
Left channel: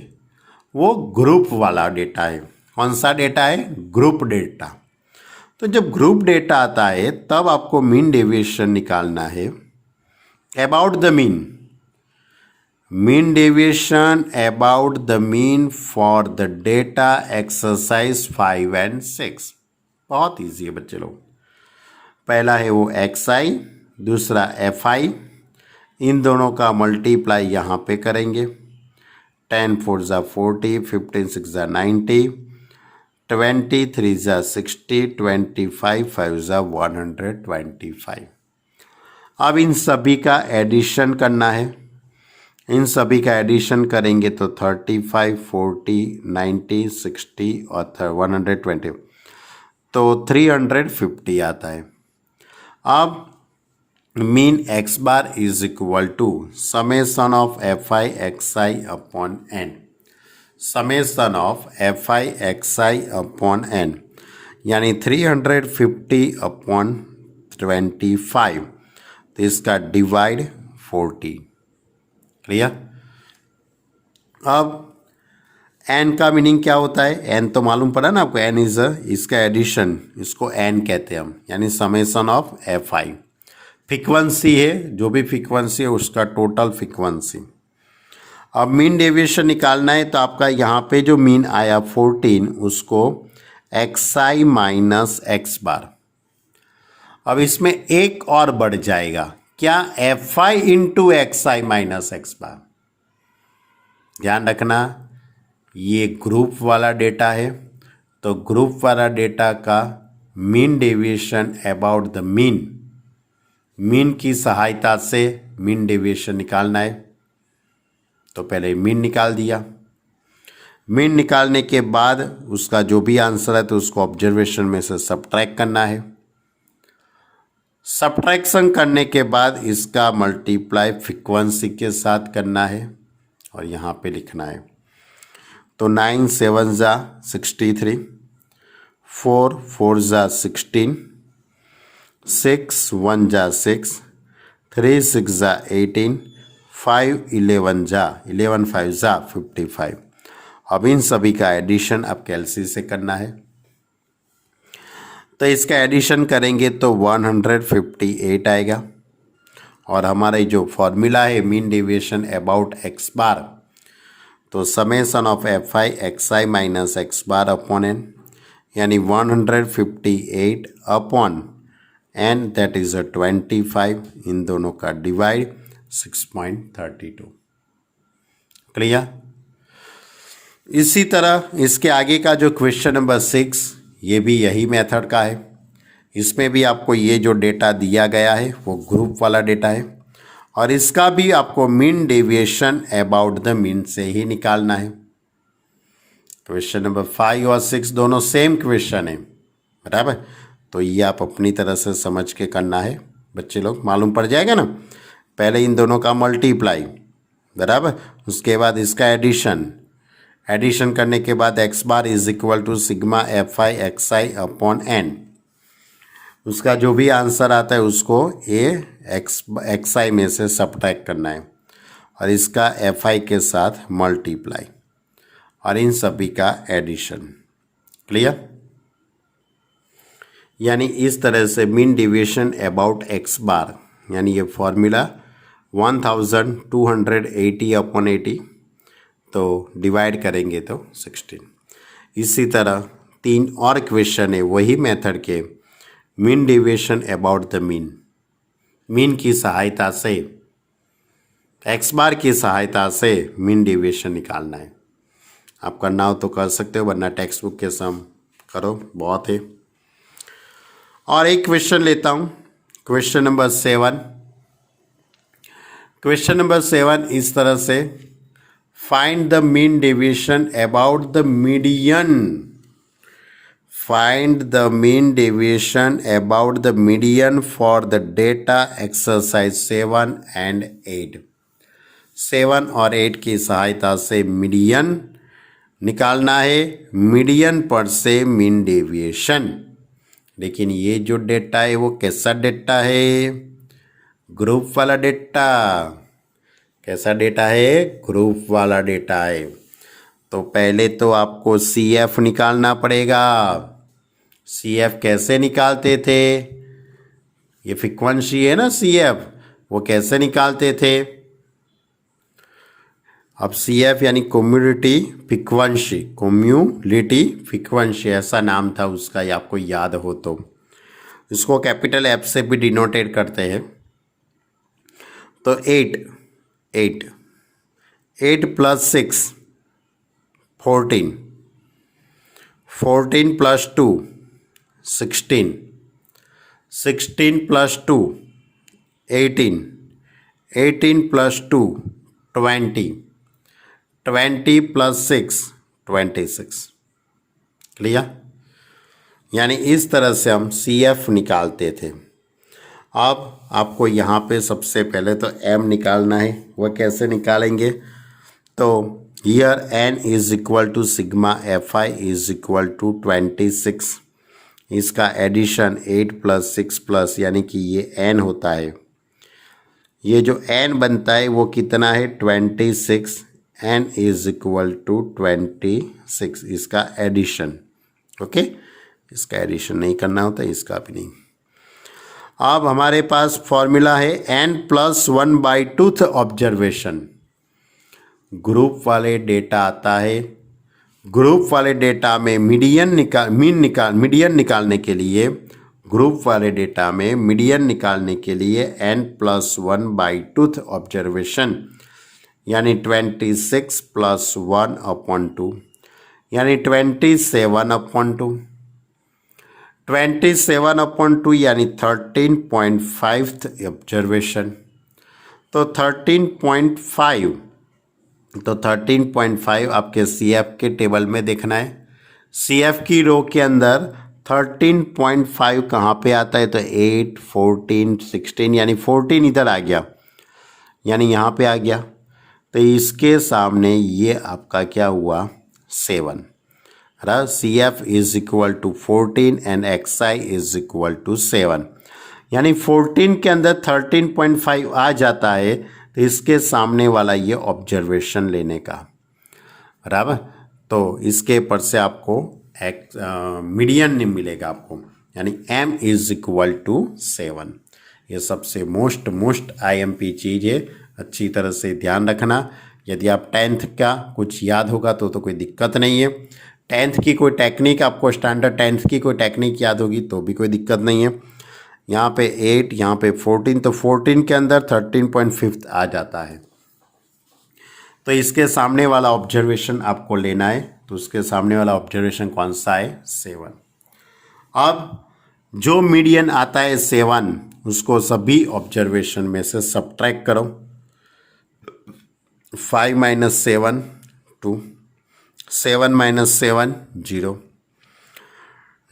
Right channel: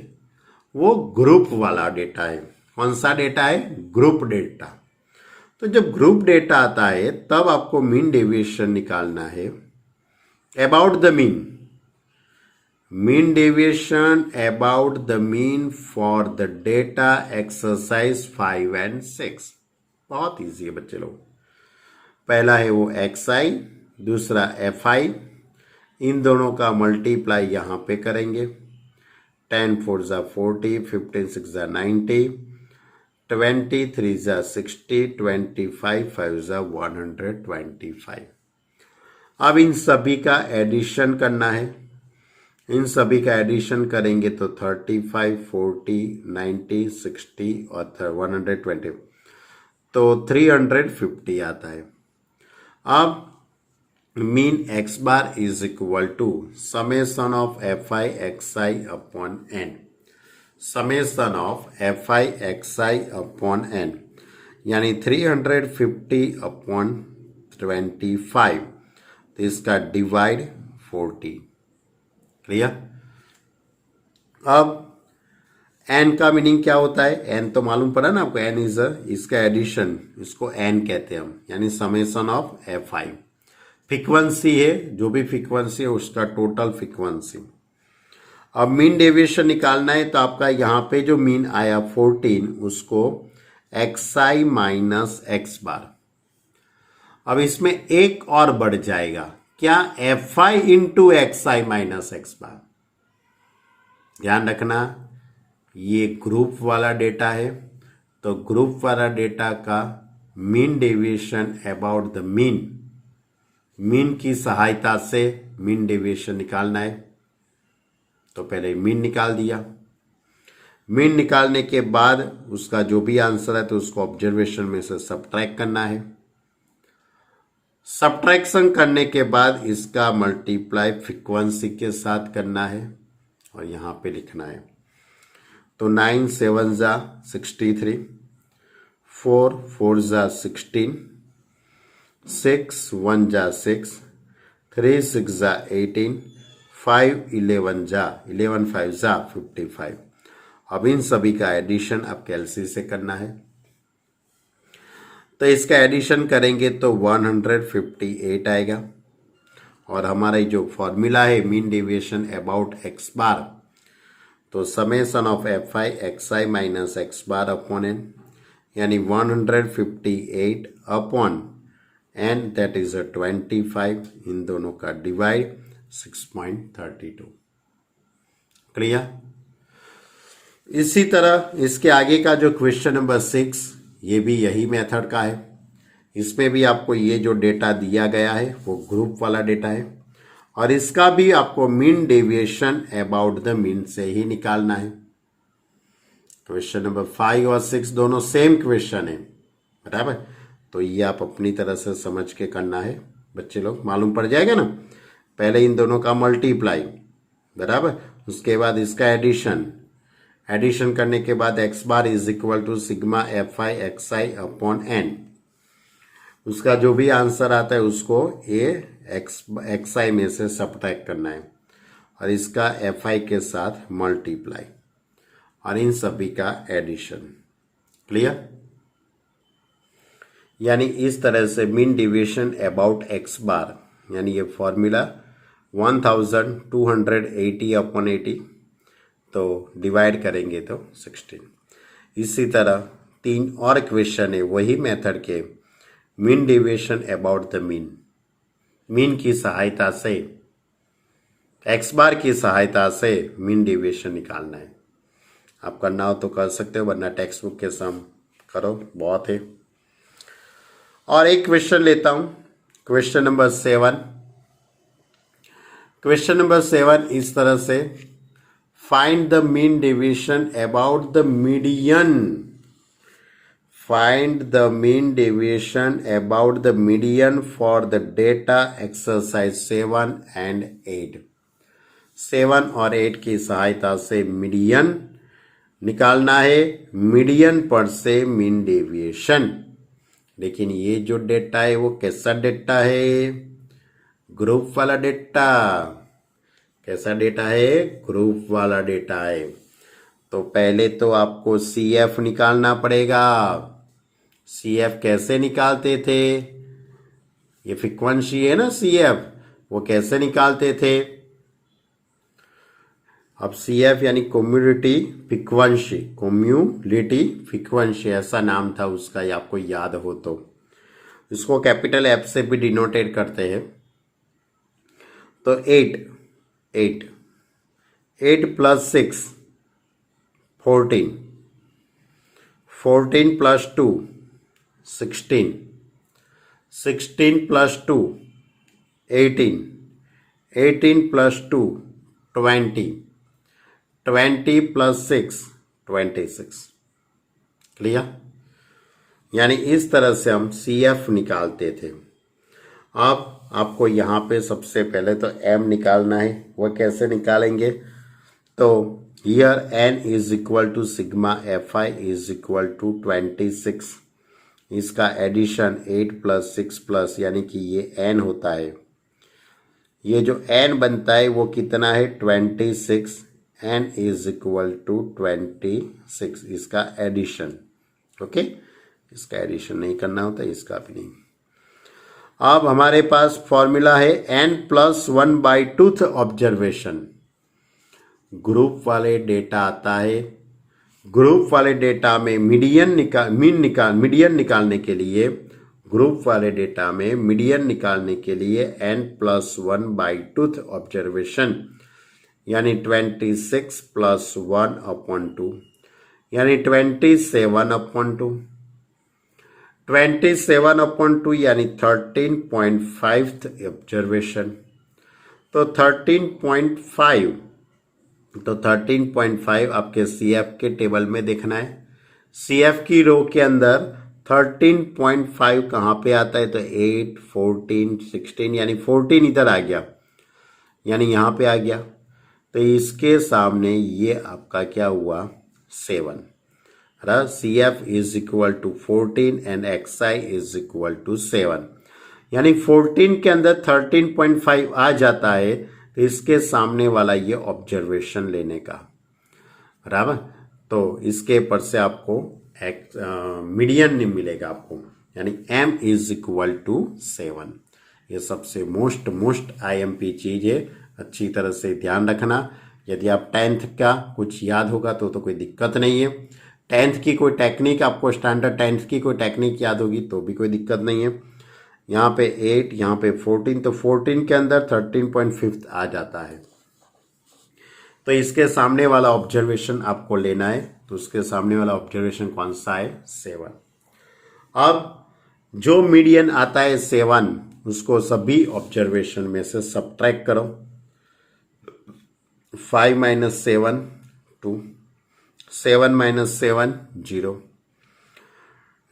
वो ग्रुप वाला डेटा है। कौन सा डेटा है? Group data. तो जब ग्रुप डेटा आता है तब आपको मीन डेविएशन निकालना है about the mean. Mean deviation about the mean for the data exercise 5 and 6। बहुत इजी है बच्चे लोग। पहला है वो XI, दूसरा FI। इन दोनों का मल्टीप्लाई यहाँ पे करेंगे। 10 4 ज़ा 40, 15 6 ज़ा 90, 20 3 ज़ा 60, 25 5 ज़ा 125। अब इन सभी का एडिशन करना है। इन सभी का एडिशन करेंगे तो 35 40 90 60 और 120, तो 350 आता है। अब mean x bar is equal to summation of FI XI upon n। Summation of FI XI upon n यानी 350 अपॉन 25, तो इसका डिवाइड 40। क्लियर? अब n का मीनिंग क्या होता है? n तो मालूम पड़ा ना आपको, n इज इसका एडिशन, इसको n कहते हैं हम, यानी समेशन ऑफ FI। फ्रीक्वेंसी है, जो भी फ्रीक्वेंसी है उसका टोटल फ्रीक्वेंसी। अब मीन डेविएशन निकालना है तो आपका यहाँ पे जो मीन आया 14, उसको XI माइनस x बार। अब इसमें एक और बढ़ जाएगा, क्या? FI into XI minus x बार। ध्यान रखना ये ग्रुप वाला डेटा है, तो ग्रुप वाला डेटा का mean deviation about the mean, mean की सहायता से मीन डेविएशन निकालना है। तो पहले मीन निकाल दिया। मीन निकालने के बाद उसका जो भी आंसर है तो उसको ऑब्जर्वेशन में से सबट्रैक्ट करना है। सबट्रैक्शन करने के बाद इसका मल्टीप्लाई फ्रीक्वेंसी के साथ करना है और यहाँ पे लिखना है। तो 9 7 ज़ा 63, 4 4 ज़ा 16, 6 1 ज़ा 6, 3 6 ज़ा 18, 5 11 ज़ा 11 5 ज़ा 55। अब इन सभी का एडिशन अब कैलसी से करना है। तो इसका एडिशन करेंगे तो 158 आएगा। और हमारे जो फॉर्मूला है मीन डेविएशन अबाउट x बार, तो summation of FI XI minus x bar upon n, यानी 158 अपॉन n, दैट इज 25। इन दोनों का डिवाइड 6.32। क्लियर? इसी तरह इसके आगे का जो क्वेश्चन नंबर 6, ये भी यही मेथड का है। इसमें भी आपको ये जो डेटा दिया गया है वो ग्रुप वाला डेटा है और इसका भी आपको mean deviation about the mean से ही निकालना है। क्वेश्चन नंबर 5 और 6 दोनों सेम क्वेश्चन है, बराबर। तो ये आप अपनी तरह से समझ के करना है बच्चे लोग, मालूम पड़ जाएगा ना। पहले इन दोनों का मल्टीप्लाई, बराबर, उसके बाद इसका एडिशन। एडिशन करने के बाद x bar is equal to sigma FI XI upon n। उसका जो भी आंसर आता है उसको XI में से सबट्रैक्ट करना है और इसका FI के साथ मल्टीप्लाई और इन सभी का एडिशन। क्लियर? यानी इस तरह से मीन डेविएशन अबाउट x बार, यानी ये फॉर्मूला 1280 अपॉन 80, तो डिवाइड करेंगे तो 16। इसी तरह 3 और क्वेश्चन है वही मेथड के, mean deviation about the mean. Mean की सहायता से, एक्स बार की सहायता से मीन डेविएशन निकालना है। आप करना हो तो कर सकते हो, वरना टेक्स्ट बुक के सम करो, बहुत है। और एक क्वेश्चन लेता हूं, क्वेश्चन नंबर 7। क्वेश्चन नंबर 7 इस तरह से, find the mean deviation about the median, find the mean deviation about the median for the data exercise 7 and 8। 7 और 8 की सहायता से मीडियन निकालना है, मीडियन पर से मीन डेविएशन। लेकिन ये जो डेटा है वो कैसा डेटा है? ग्रुप वाला डेटा। कैसा डेटा है? ग्रुप वाला डेटा है। तो पहले तो आपको CF निकालना पड़ेगा। CF कैसे निकालते थे? ये फ्रीक्वेंसी है ना CF, वो कैसे निकालते थे? अब CF यानी कम्युनिटी फ्रीक्वेंसी, कम्युनिटी फ्रीक्वेंसी ऐसा नाम था उसका, ये आपको याद हो तो। इसको कैपिटल F से भी डिनोटेट करते हैं। तो 8 plus 6 14, 14 plus 2 16, 16 plus 2 18, 18 plus 2 20, 20 plus 6 26। Clear? यानी इस तरह से हम CF निकालते थे। अब आपको यहाँ पे सबसे पहले तो M निकालना है। वो कैसे निकालेंगे? तो here N is equal to sigma FI is equal to 26। इसका एडिशन 8 प्लस 6 प्लस, यानी कि ये N होता है। ये जो N बनता है वो कितना है? 26। N इज इक्वल टू 26, इसका एडिशन। ओके, इसका एडिशन नहीं करना होता, इसका भी नहीं। अब हमारे पास फॉर्मूला है N+1/2 ऑब्जर्वेशन। ग्रुप वाले डेटा आता है, ग्रुप वाले डेटा में मीडियन निकालने के लिए, ग्रुप वाले डेटा में मीडियन निकालने के लिए N+1/2 ऑब्जर्वेशन, यानी 26 + 1/2, यानी 27/2। 27/2 यानी 13.5 ऑब्जर्वेशन। तो 13.5, तो 13.5 आपके CF के टेबल में देखना है। CF की रो के अंदर 13.5 कहाँ पे आता है? तो 8, 14, 16, यानी 14 इधर आ गया, यानी यहाँ पे आ गया। तो इसके सामने ये आपका क्या हुआ? 7। CF is equal to 14 and XI is equal to 7, यानी 14 के अंदर 13.5 आ जाता है। तो इसके सामने वाला ये ऑब्जर्वेशन लेने का, बराबर। तो इसके पर से आपको मीडियन नहीं मिलेगा आपको, यानी M इज इक्वल टू 7। ये सबसे मोस्ट IMP चीज़ है, अच्छी तरह से ध्यान रखना। यदि आप 10th का कुछ याद होगा तो कोई दिक्कत नहीं है। 10th की कोई टेक्निक आपको, स्टैंडर्ड 10th की कोई टेक्निक याद होगी तो भी कोई दिक्कत नहीं है। यहाँ पे 8, यहाँ पे 14, तो 14 के अंदर 13.5 आ जाता है। तो इसके सामने वाला ऑब्जर्वेशन आपको लेना है। तो उसके सामने वाला ऑब्जर्वेशन कौन सा है? 7। अब जो मीडियन आता है 7, उसको सभी ऑब्जर्वेशन में से सब्ट्रैक्ट करो। 5 - 7 2, 7 - 7 0,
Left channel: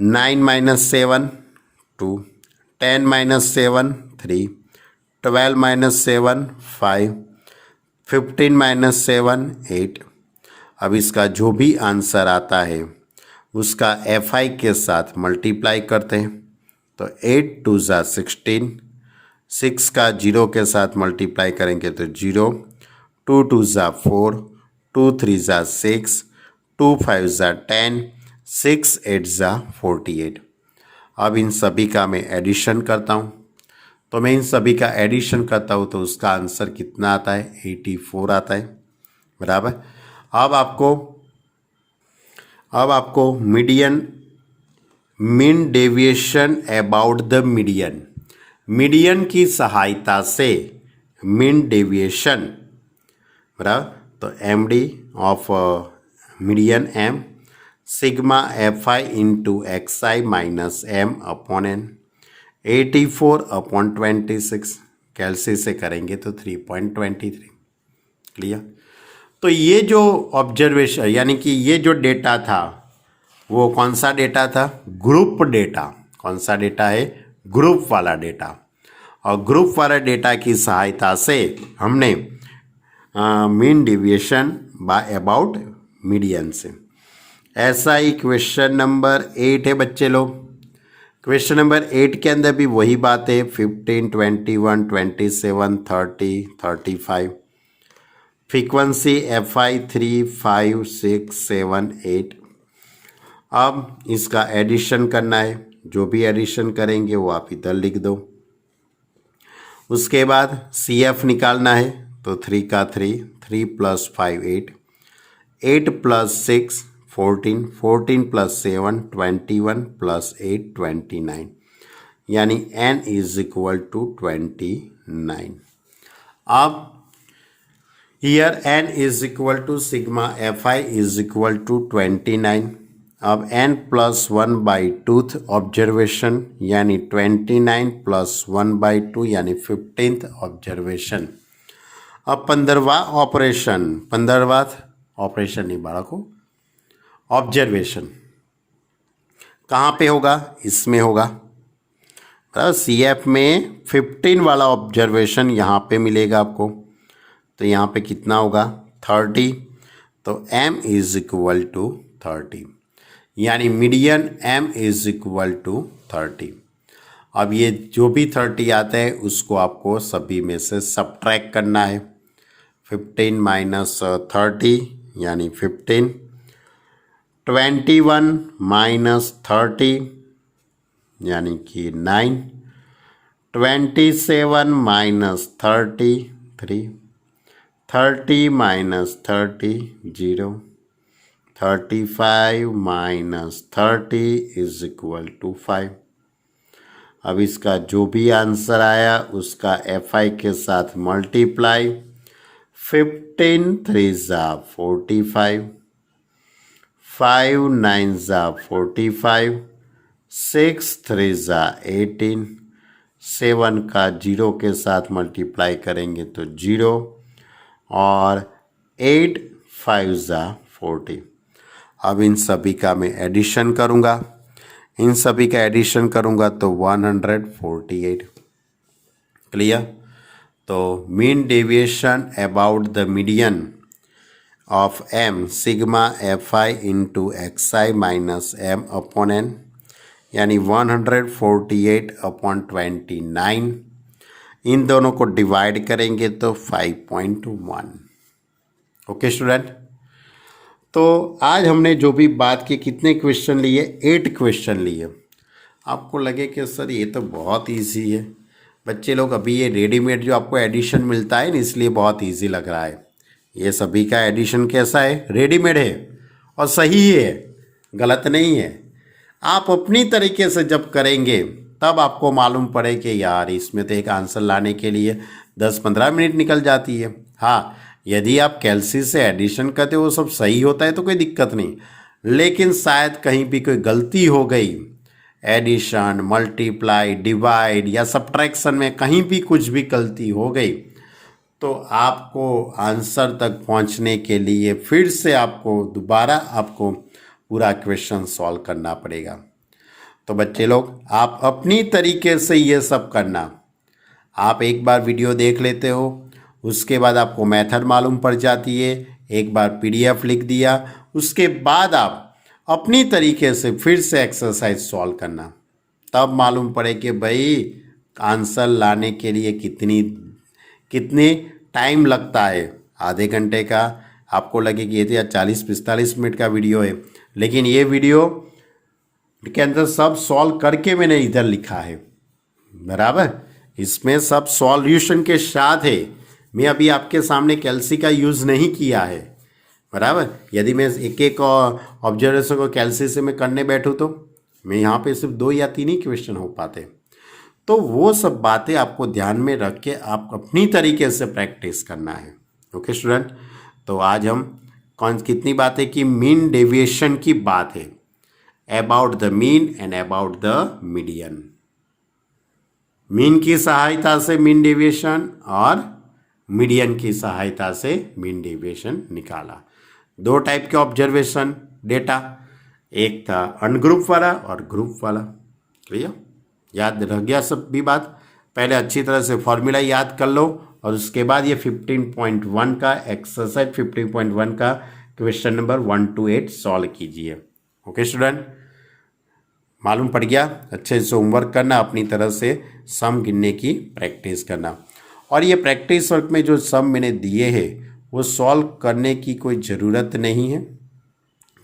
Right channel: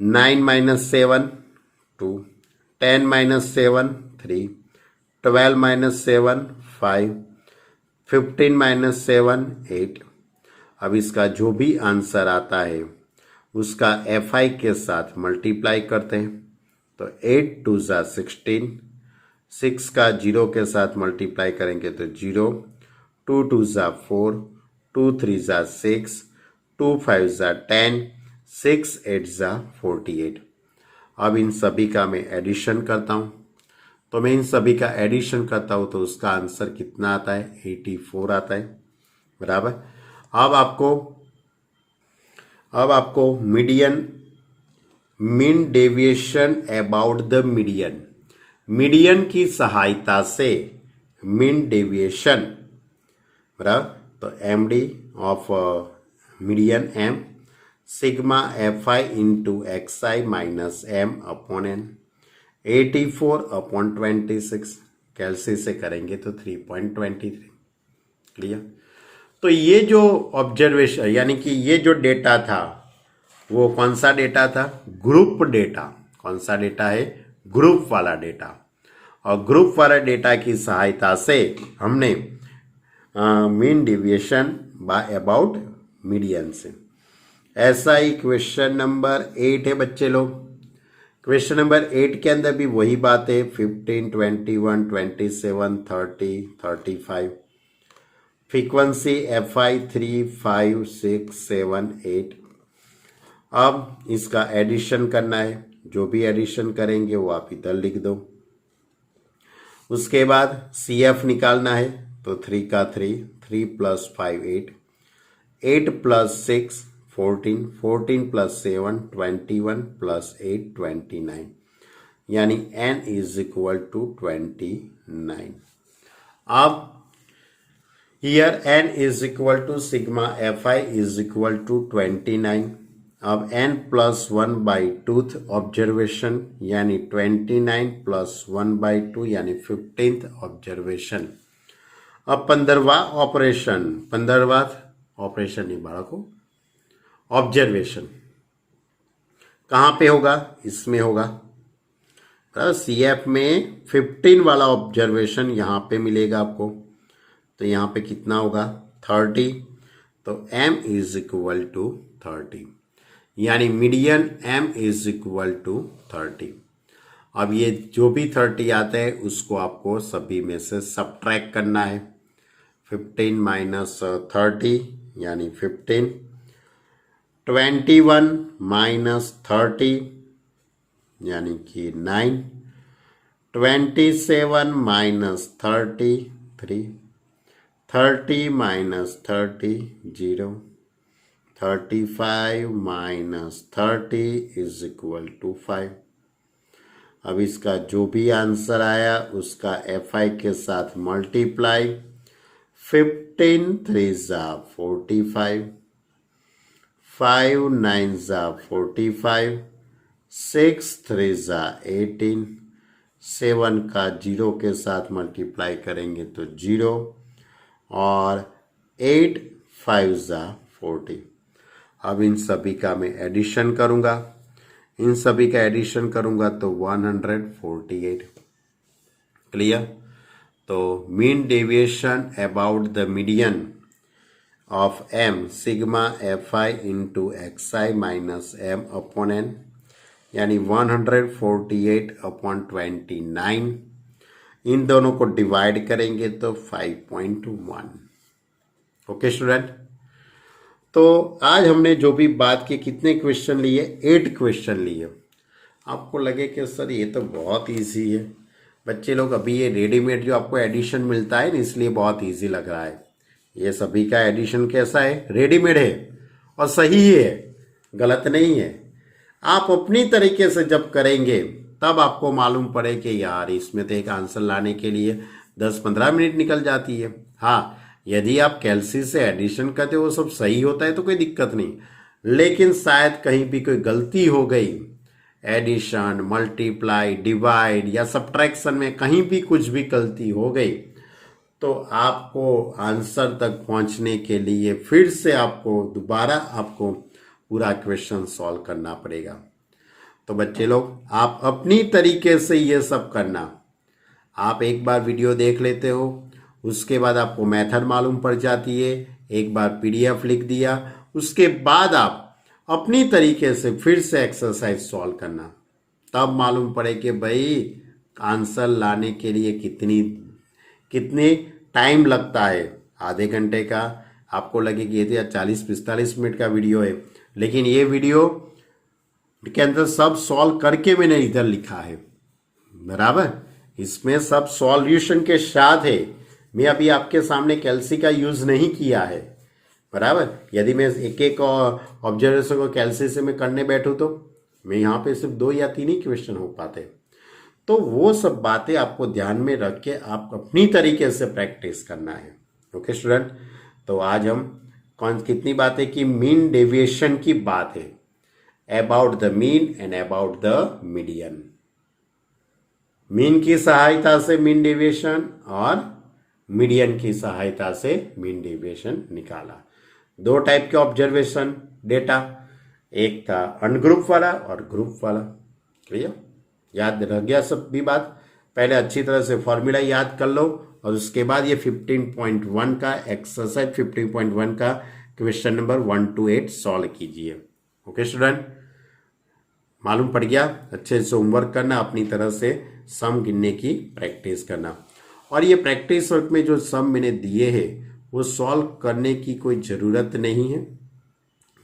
9 - 7 2, 10 - 7 3, 12 - 7 5, 15 - 7 8। अब इसका जो भी आंसर आता है उसका FI के साथ मल्टीप्लाई करते हैं। तो 8 2 = 16, 6 का 0 के साथ मल्टीप्लाई करेंगे तो 0, 2 2 = 4, 2 3 = 6, 2 5 = 10, 6 8 = 48। अब इन सभी का मैं एडिशन करता हूँ। तो मैं इन सभी का एडिशन करता हूँ तो उसका आंसर कितना आता है? 84 आता है, बराबर। अब आपको median, mean deviation about the median, median की सहायता से मीन डेविएशन, बराबर, तो M D of median M sigma F I into X I minus M upon N 84/26, कैलसी से करेंगे तो 3.23। क्लियर। तो ये जो ऑब्जर्वेशन यानी कि ये जो डेटा था वो कौन सा डेटा था? Group data. कौन सा डेटा है? ग्रुप वाला डेटा। और ग्रुप वाला डेटा की सहायता से हमने mean deviation by about median से। ऐसा ही क्वेश्चन नंबर 8 है बच्चे लोग। क्वेश्चन नंबर 8 के अंदर भी वही बात है, 15, 21, 27, 30, 35। Frequency F I 3, 5, 6, 7, 8। अब इसका एडिशन करना है, जो भी एडिशन करेंगे वो आप इधर लिख दो। उसके बाद सी एफ निकालना है, तो 3 का 3, 3 + 5 8, 8 + 6 14, 14 + 7 21 + 8 29, यानी n = 29। अब here n = sigma F I = 29। अब n + 1/2 ऑब्जर्वेशन यानी 29 + 1/2 यानी 15th ऑब्जर्वेशन। अब 15वां ऑपरेशन नहीं बालकों, ऑब्जर्वेशन कहाँ पे होगा? इसमें होगा। सी एफ में 15 वाला ऑब्जर्वेशन यहाँ पे मिलेगा आपको, तो यहाँ पे कितना होगा? 30। तो m = 30, यानी मीडियन m = 30। अब ये जो भी 30 आते हैं उसको आपको सभी में से सब्ट्रैक्ट करना है। 15 - 30 यानी 15, 21 - 30 यानी कि 9, 27 - 30 3, 30 - 30 0, 35 - 30 = 5। अब इसका जो भी आंसर आया उसका एफ आई के साथ मल्टीप्लाई। 15 3 = 45, 5 9 = 45, 6 3 = 18, 7 का 0 के साथ मल्टीप्लाई करेंगे तो 0, और 8 5 = 40। अब इन सभी का मैं एडिशन करूँगा, तो 148। क्लियर। तो mean deviation about the median of m sigma F I into X I minus M upon n, यानी 148/29। इन दोनों को डिवाइड करेंगे तो 5.1। Okay student. तो आज हमने जो भी बात की, कितने क्वेश्चन लिए? 8 क्वेश्चन लिए। आपको लगे कि सर ये तो बहुत इजी है बच्चे लोग, अभी ये रेडीमेड जो आपको एडिशन मिलता है ना, इसलिए बहुत इजी लग रहा है। ये सभी का एडिशन कैसा है? रेडीमेड है और सही है, गलत नहीं है। आप अपनी तरीके से जब करेंगे तब आपको मालूम पड़े कि यार इसमें तो एक आंसर लाने के लिए 10-15 मिनट निकल जाती है। हाँ, यदि आप कैलसी से एडिशन करते हो वो सब सही होता है तो कोई दिक्कत नहीं, लेकिन शायद कहीं भी कोई गलती हो गई, एडिशन, मल्टीप्लाई, डिवाइड या सब्ट्रैक्शन में कहीं भी कुछ भी गलती हो गई तो आपको आंसर तक पहुंचने के लिए फिर से आपको दोबारा आपको पूरा क्वेश्चन सॉल्व करना पड़ेगा। तो बच्चे लोग आप अपनी तरीके से ये सब करना। आप एक बार वीडियो देख लेते हो, उसके बाद आपको मेथड मालूम पड़ जाती है, एक बार पीडीएफ लिख दिया, उसके बाद आप अपनी तरीके से फिर से एक्सरसाइज सॉल्व करना, तब मालूम पड़े कि भाई आंसर लाने के लिए कितनी टाइम लगता है। आधे घंटे का आपको लगे कि ये तो 40-45 मिनट का वीडियो है, लेकिन ये वीडियो के अंदर सब सॉल्व करके मैंने इधर लिखा है, बराबर। इसमें सब सॉल्यूशन के साथ है। मैं अभी आपके सामने कैलसी का यूज़ नहीं किया है, बराबर। यदि मैं एक एक ऑब्जर्वेशन को कैलसी से मैं करने बैठूँ तो मैं यहाँ पे सिर्फ 2 या 3 ही क्वेश्चन हो पाते। तो वो सब बातें आपको ध्यान में रख के आप अपनी तरीके से प्रैक्टिस करना है। ओके स्टूडेंट, तो आज हम कितनी बातें की, मीन डेविएशन की बात है, about the mean and about the median. Mean की सहायता से मीन डेविएशन और मीडियन की सहायता से मीन डेविएशन निकाला। दो टाइप के ऑब्जर्वेशन डेटा, एक था अनग्रुप वाला और ग्रुप वाला। क्लियर, याद रह गया सब भी बात? पहले अच्छी तरह से फॉर्मूला याद कर लो और उसके बाद ये 15.1 का एक्सरसाइज 15.1 का क्वेश्चन नंबर 1 to 8 सॉल्व कीजिए। ओके स्टूडेंट, मालूम पड़ गया? अच्छे से होमवर्क करना, अपनी तरह से सम गिनने की प्रैक्टिस करना। और ये प्रैक्टिस वर्क में जो सम मैंने दिए हैं वो सॉल्व करने की कोई ज़रूरत नहीं है,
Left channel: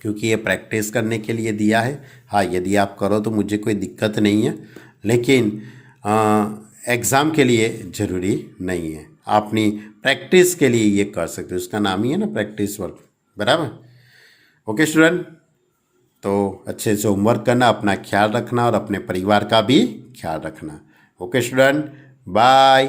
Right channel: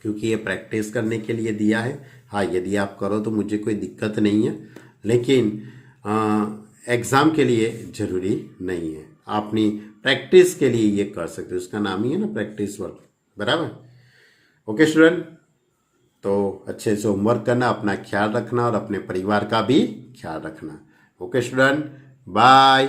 क्योंकि ये प्रैक्टिस करने के लिए दिया है। हाँ, यदि आप करो तो मुझे कोई दिक्कत नहीं है, लेकिन एग्ज़ाम के लिए ज़रूरी नहीं है। आप अपनी प्रैक्टिस के लिए ये कर सकते हो, उसका नाम ही है ना प्रैक्टिस वर्क, बराबर? ओके स्टूडेंट, तो अच्छे से होमवर्क करना, अपना ख्याल रखना और अपने परिवार का भी ख्याल रखना। Okay student, bye.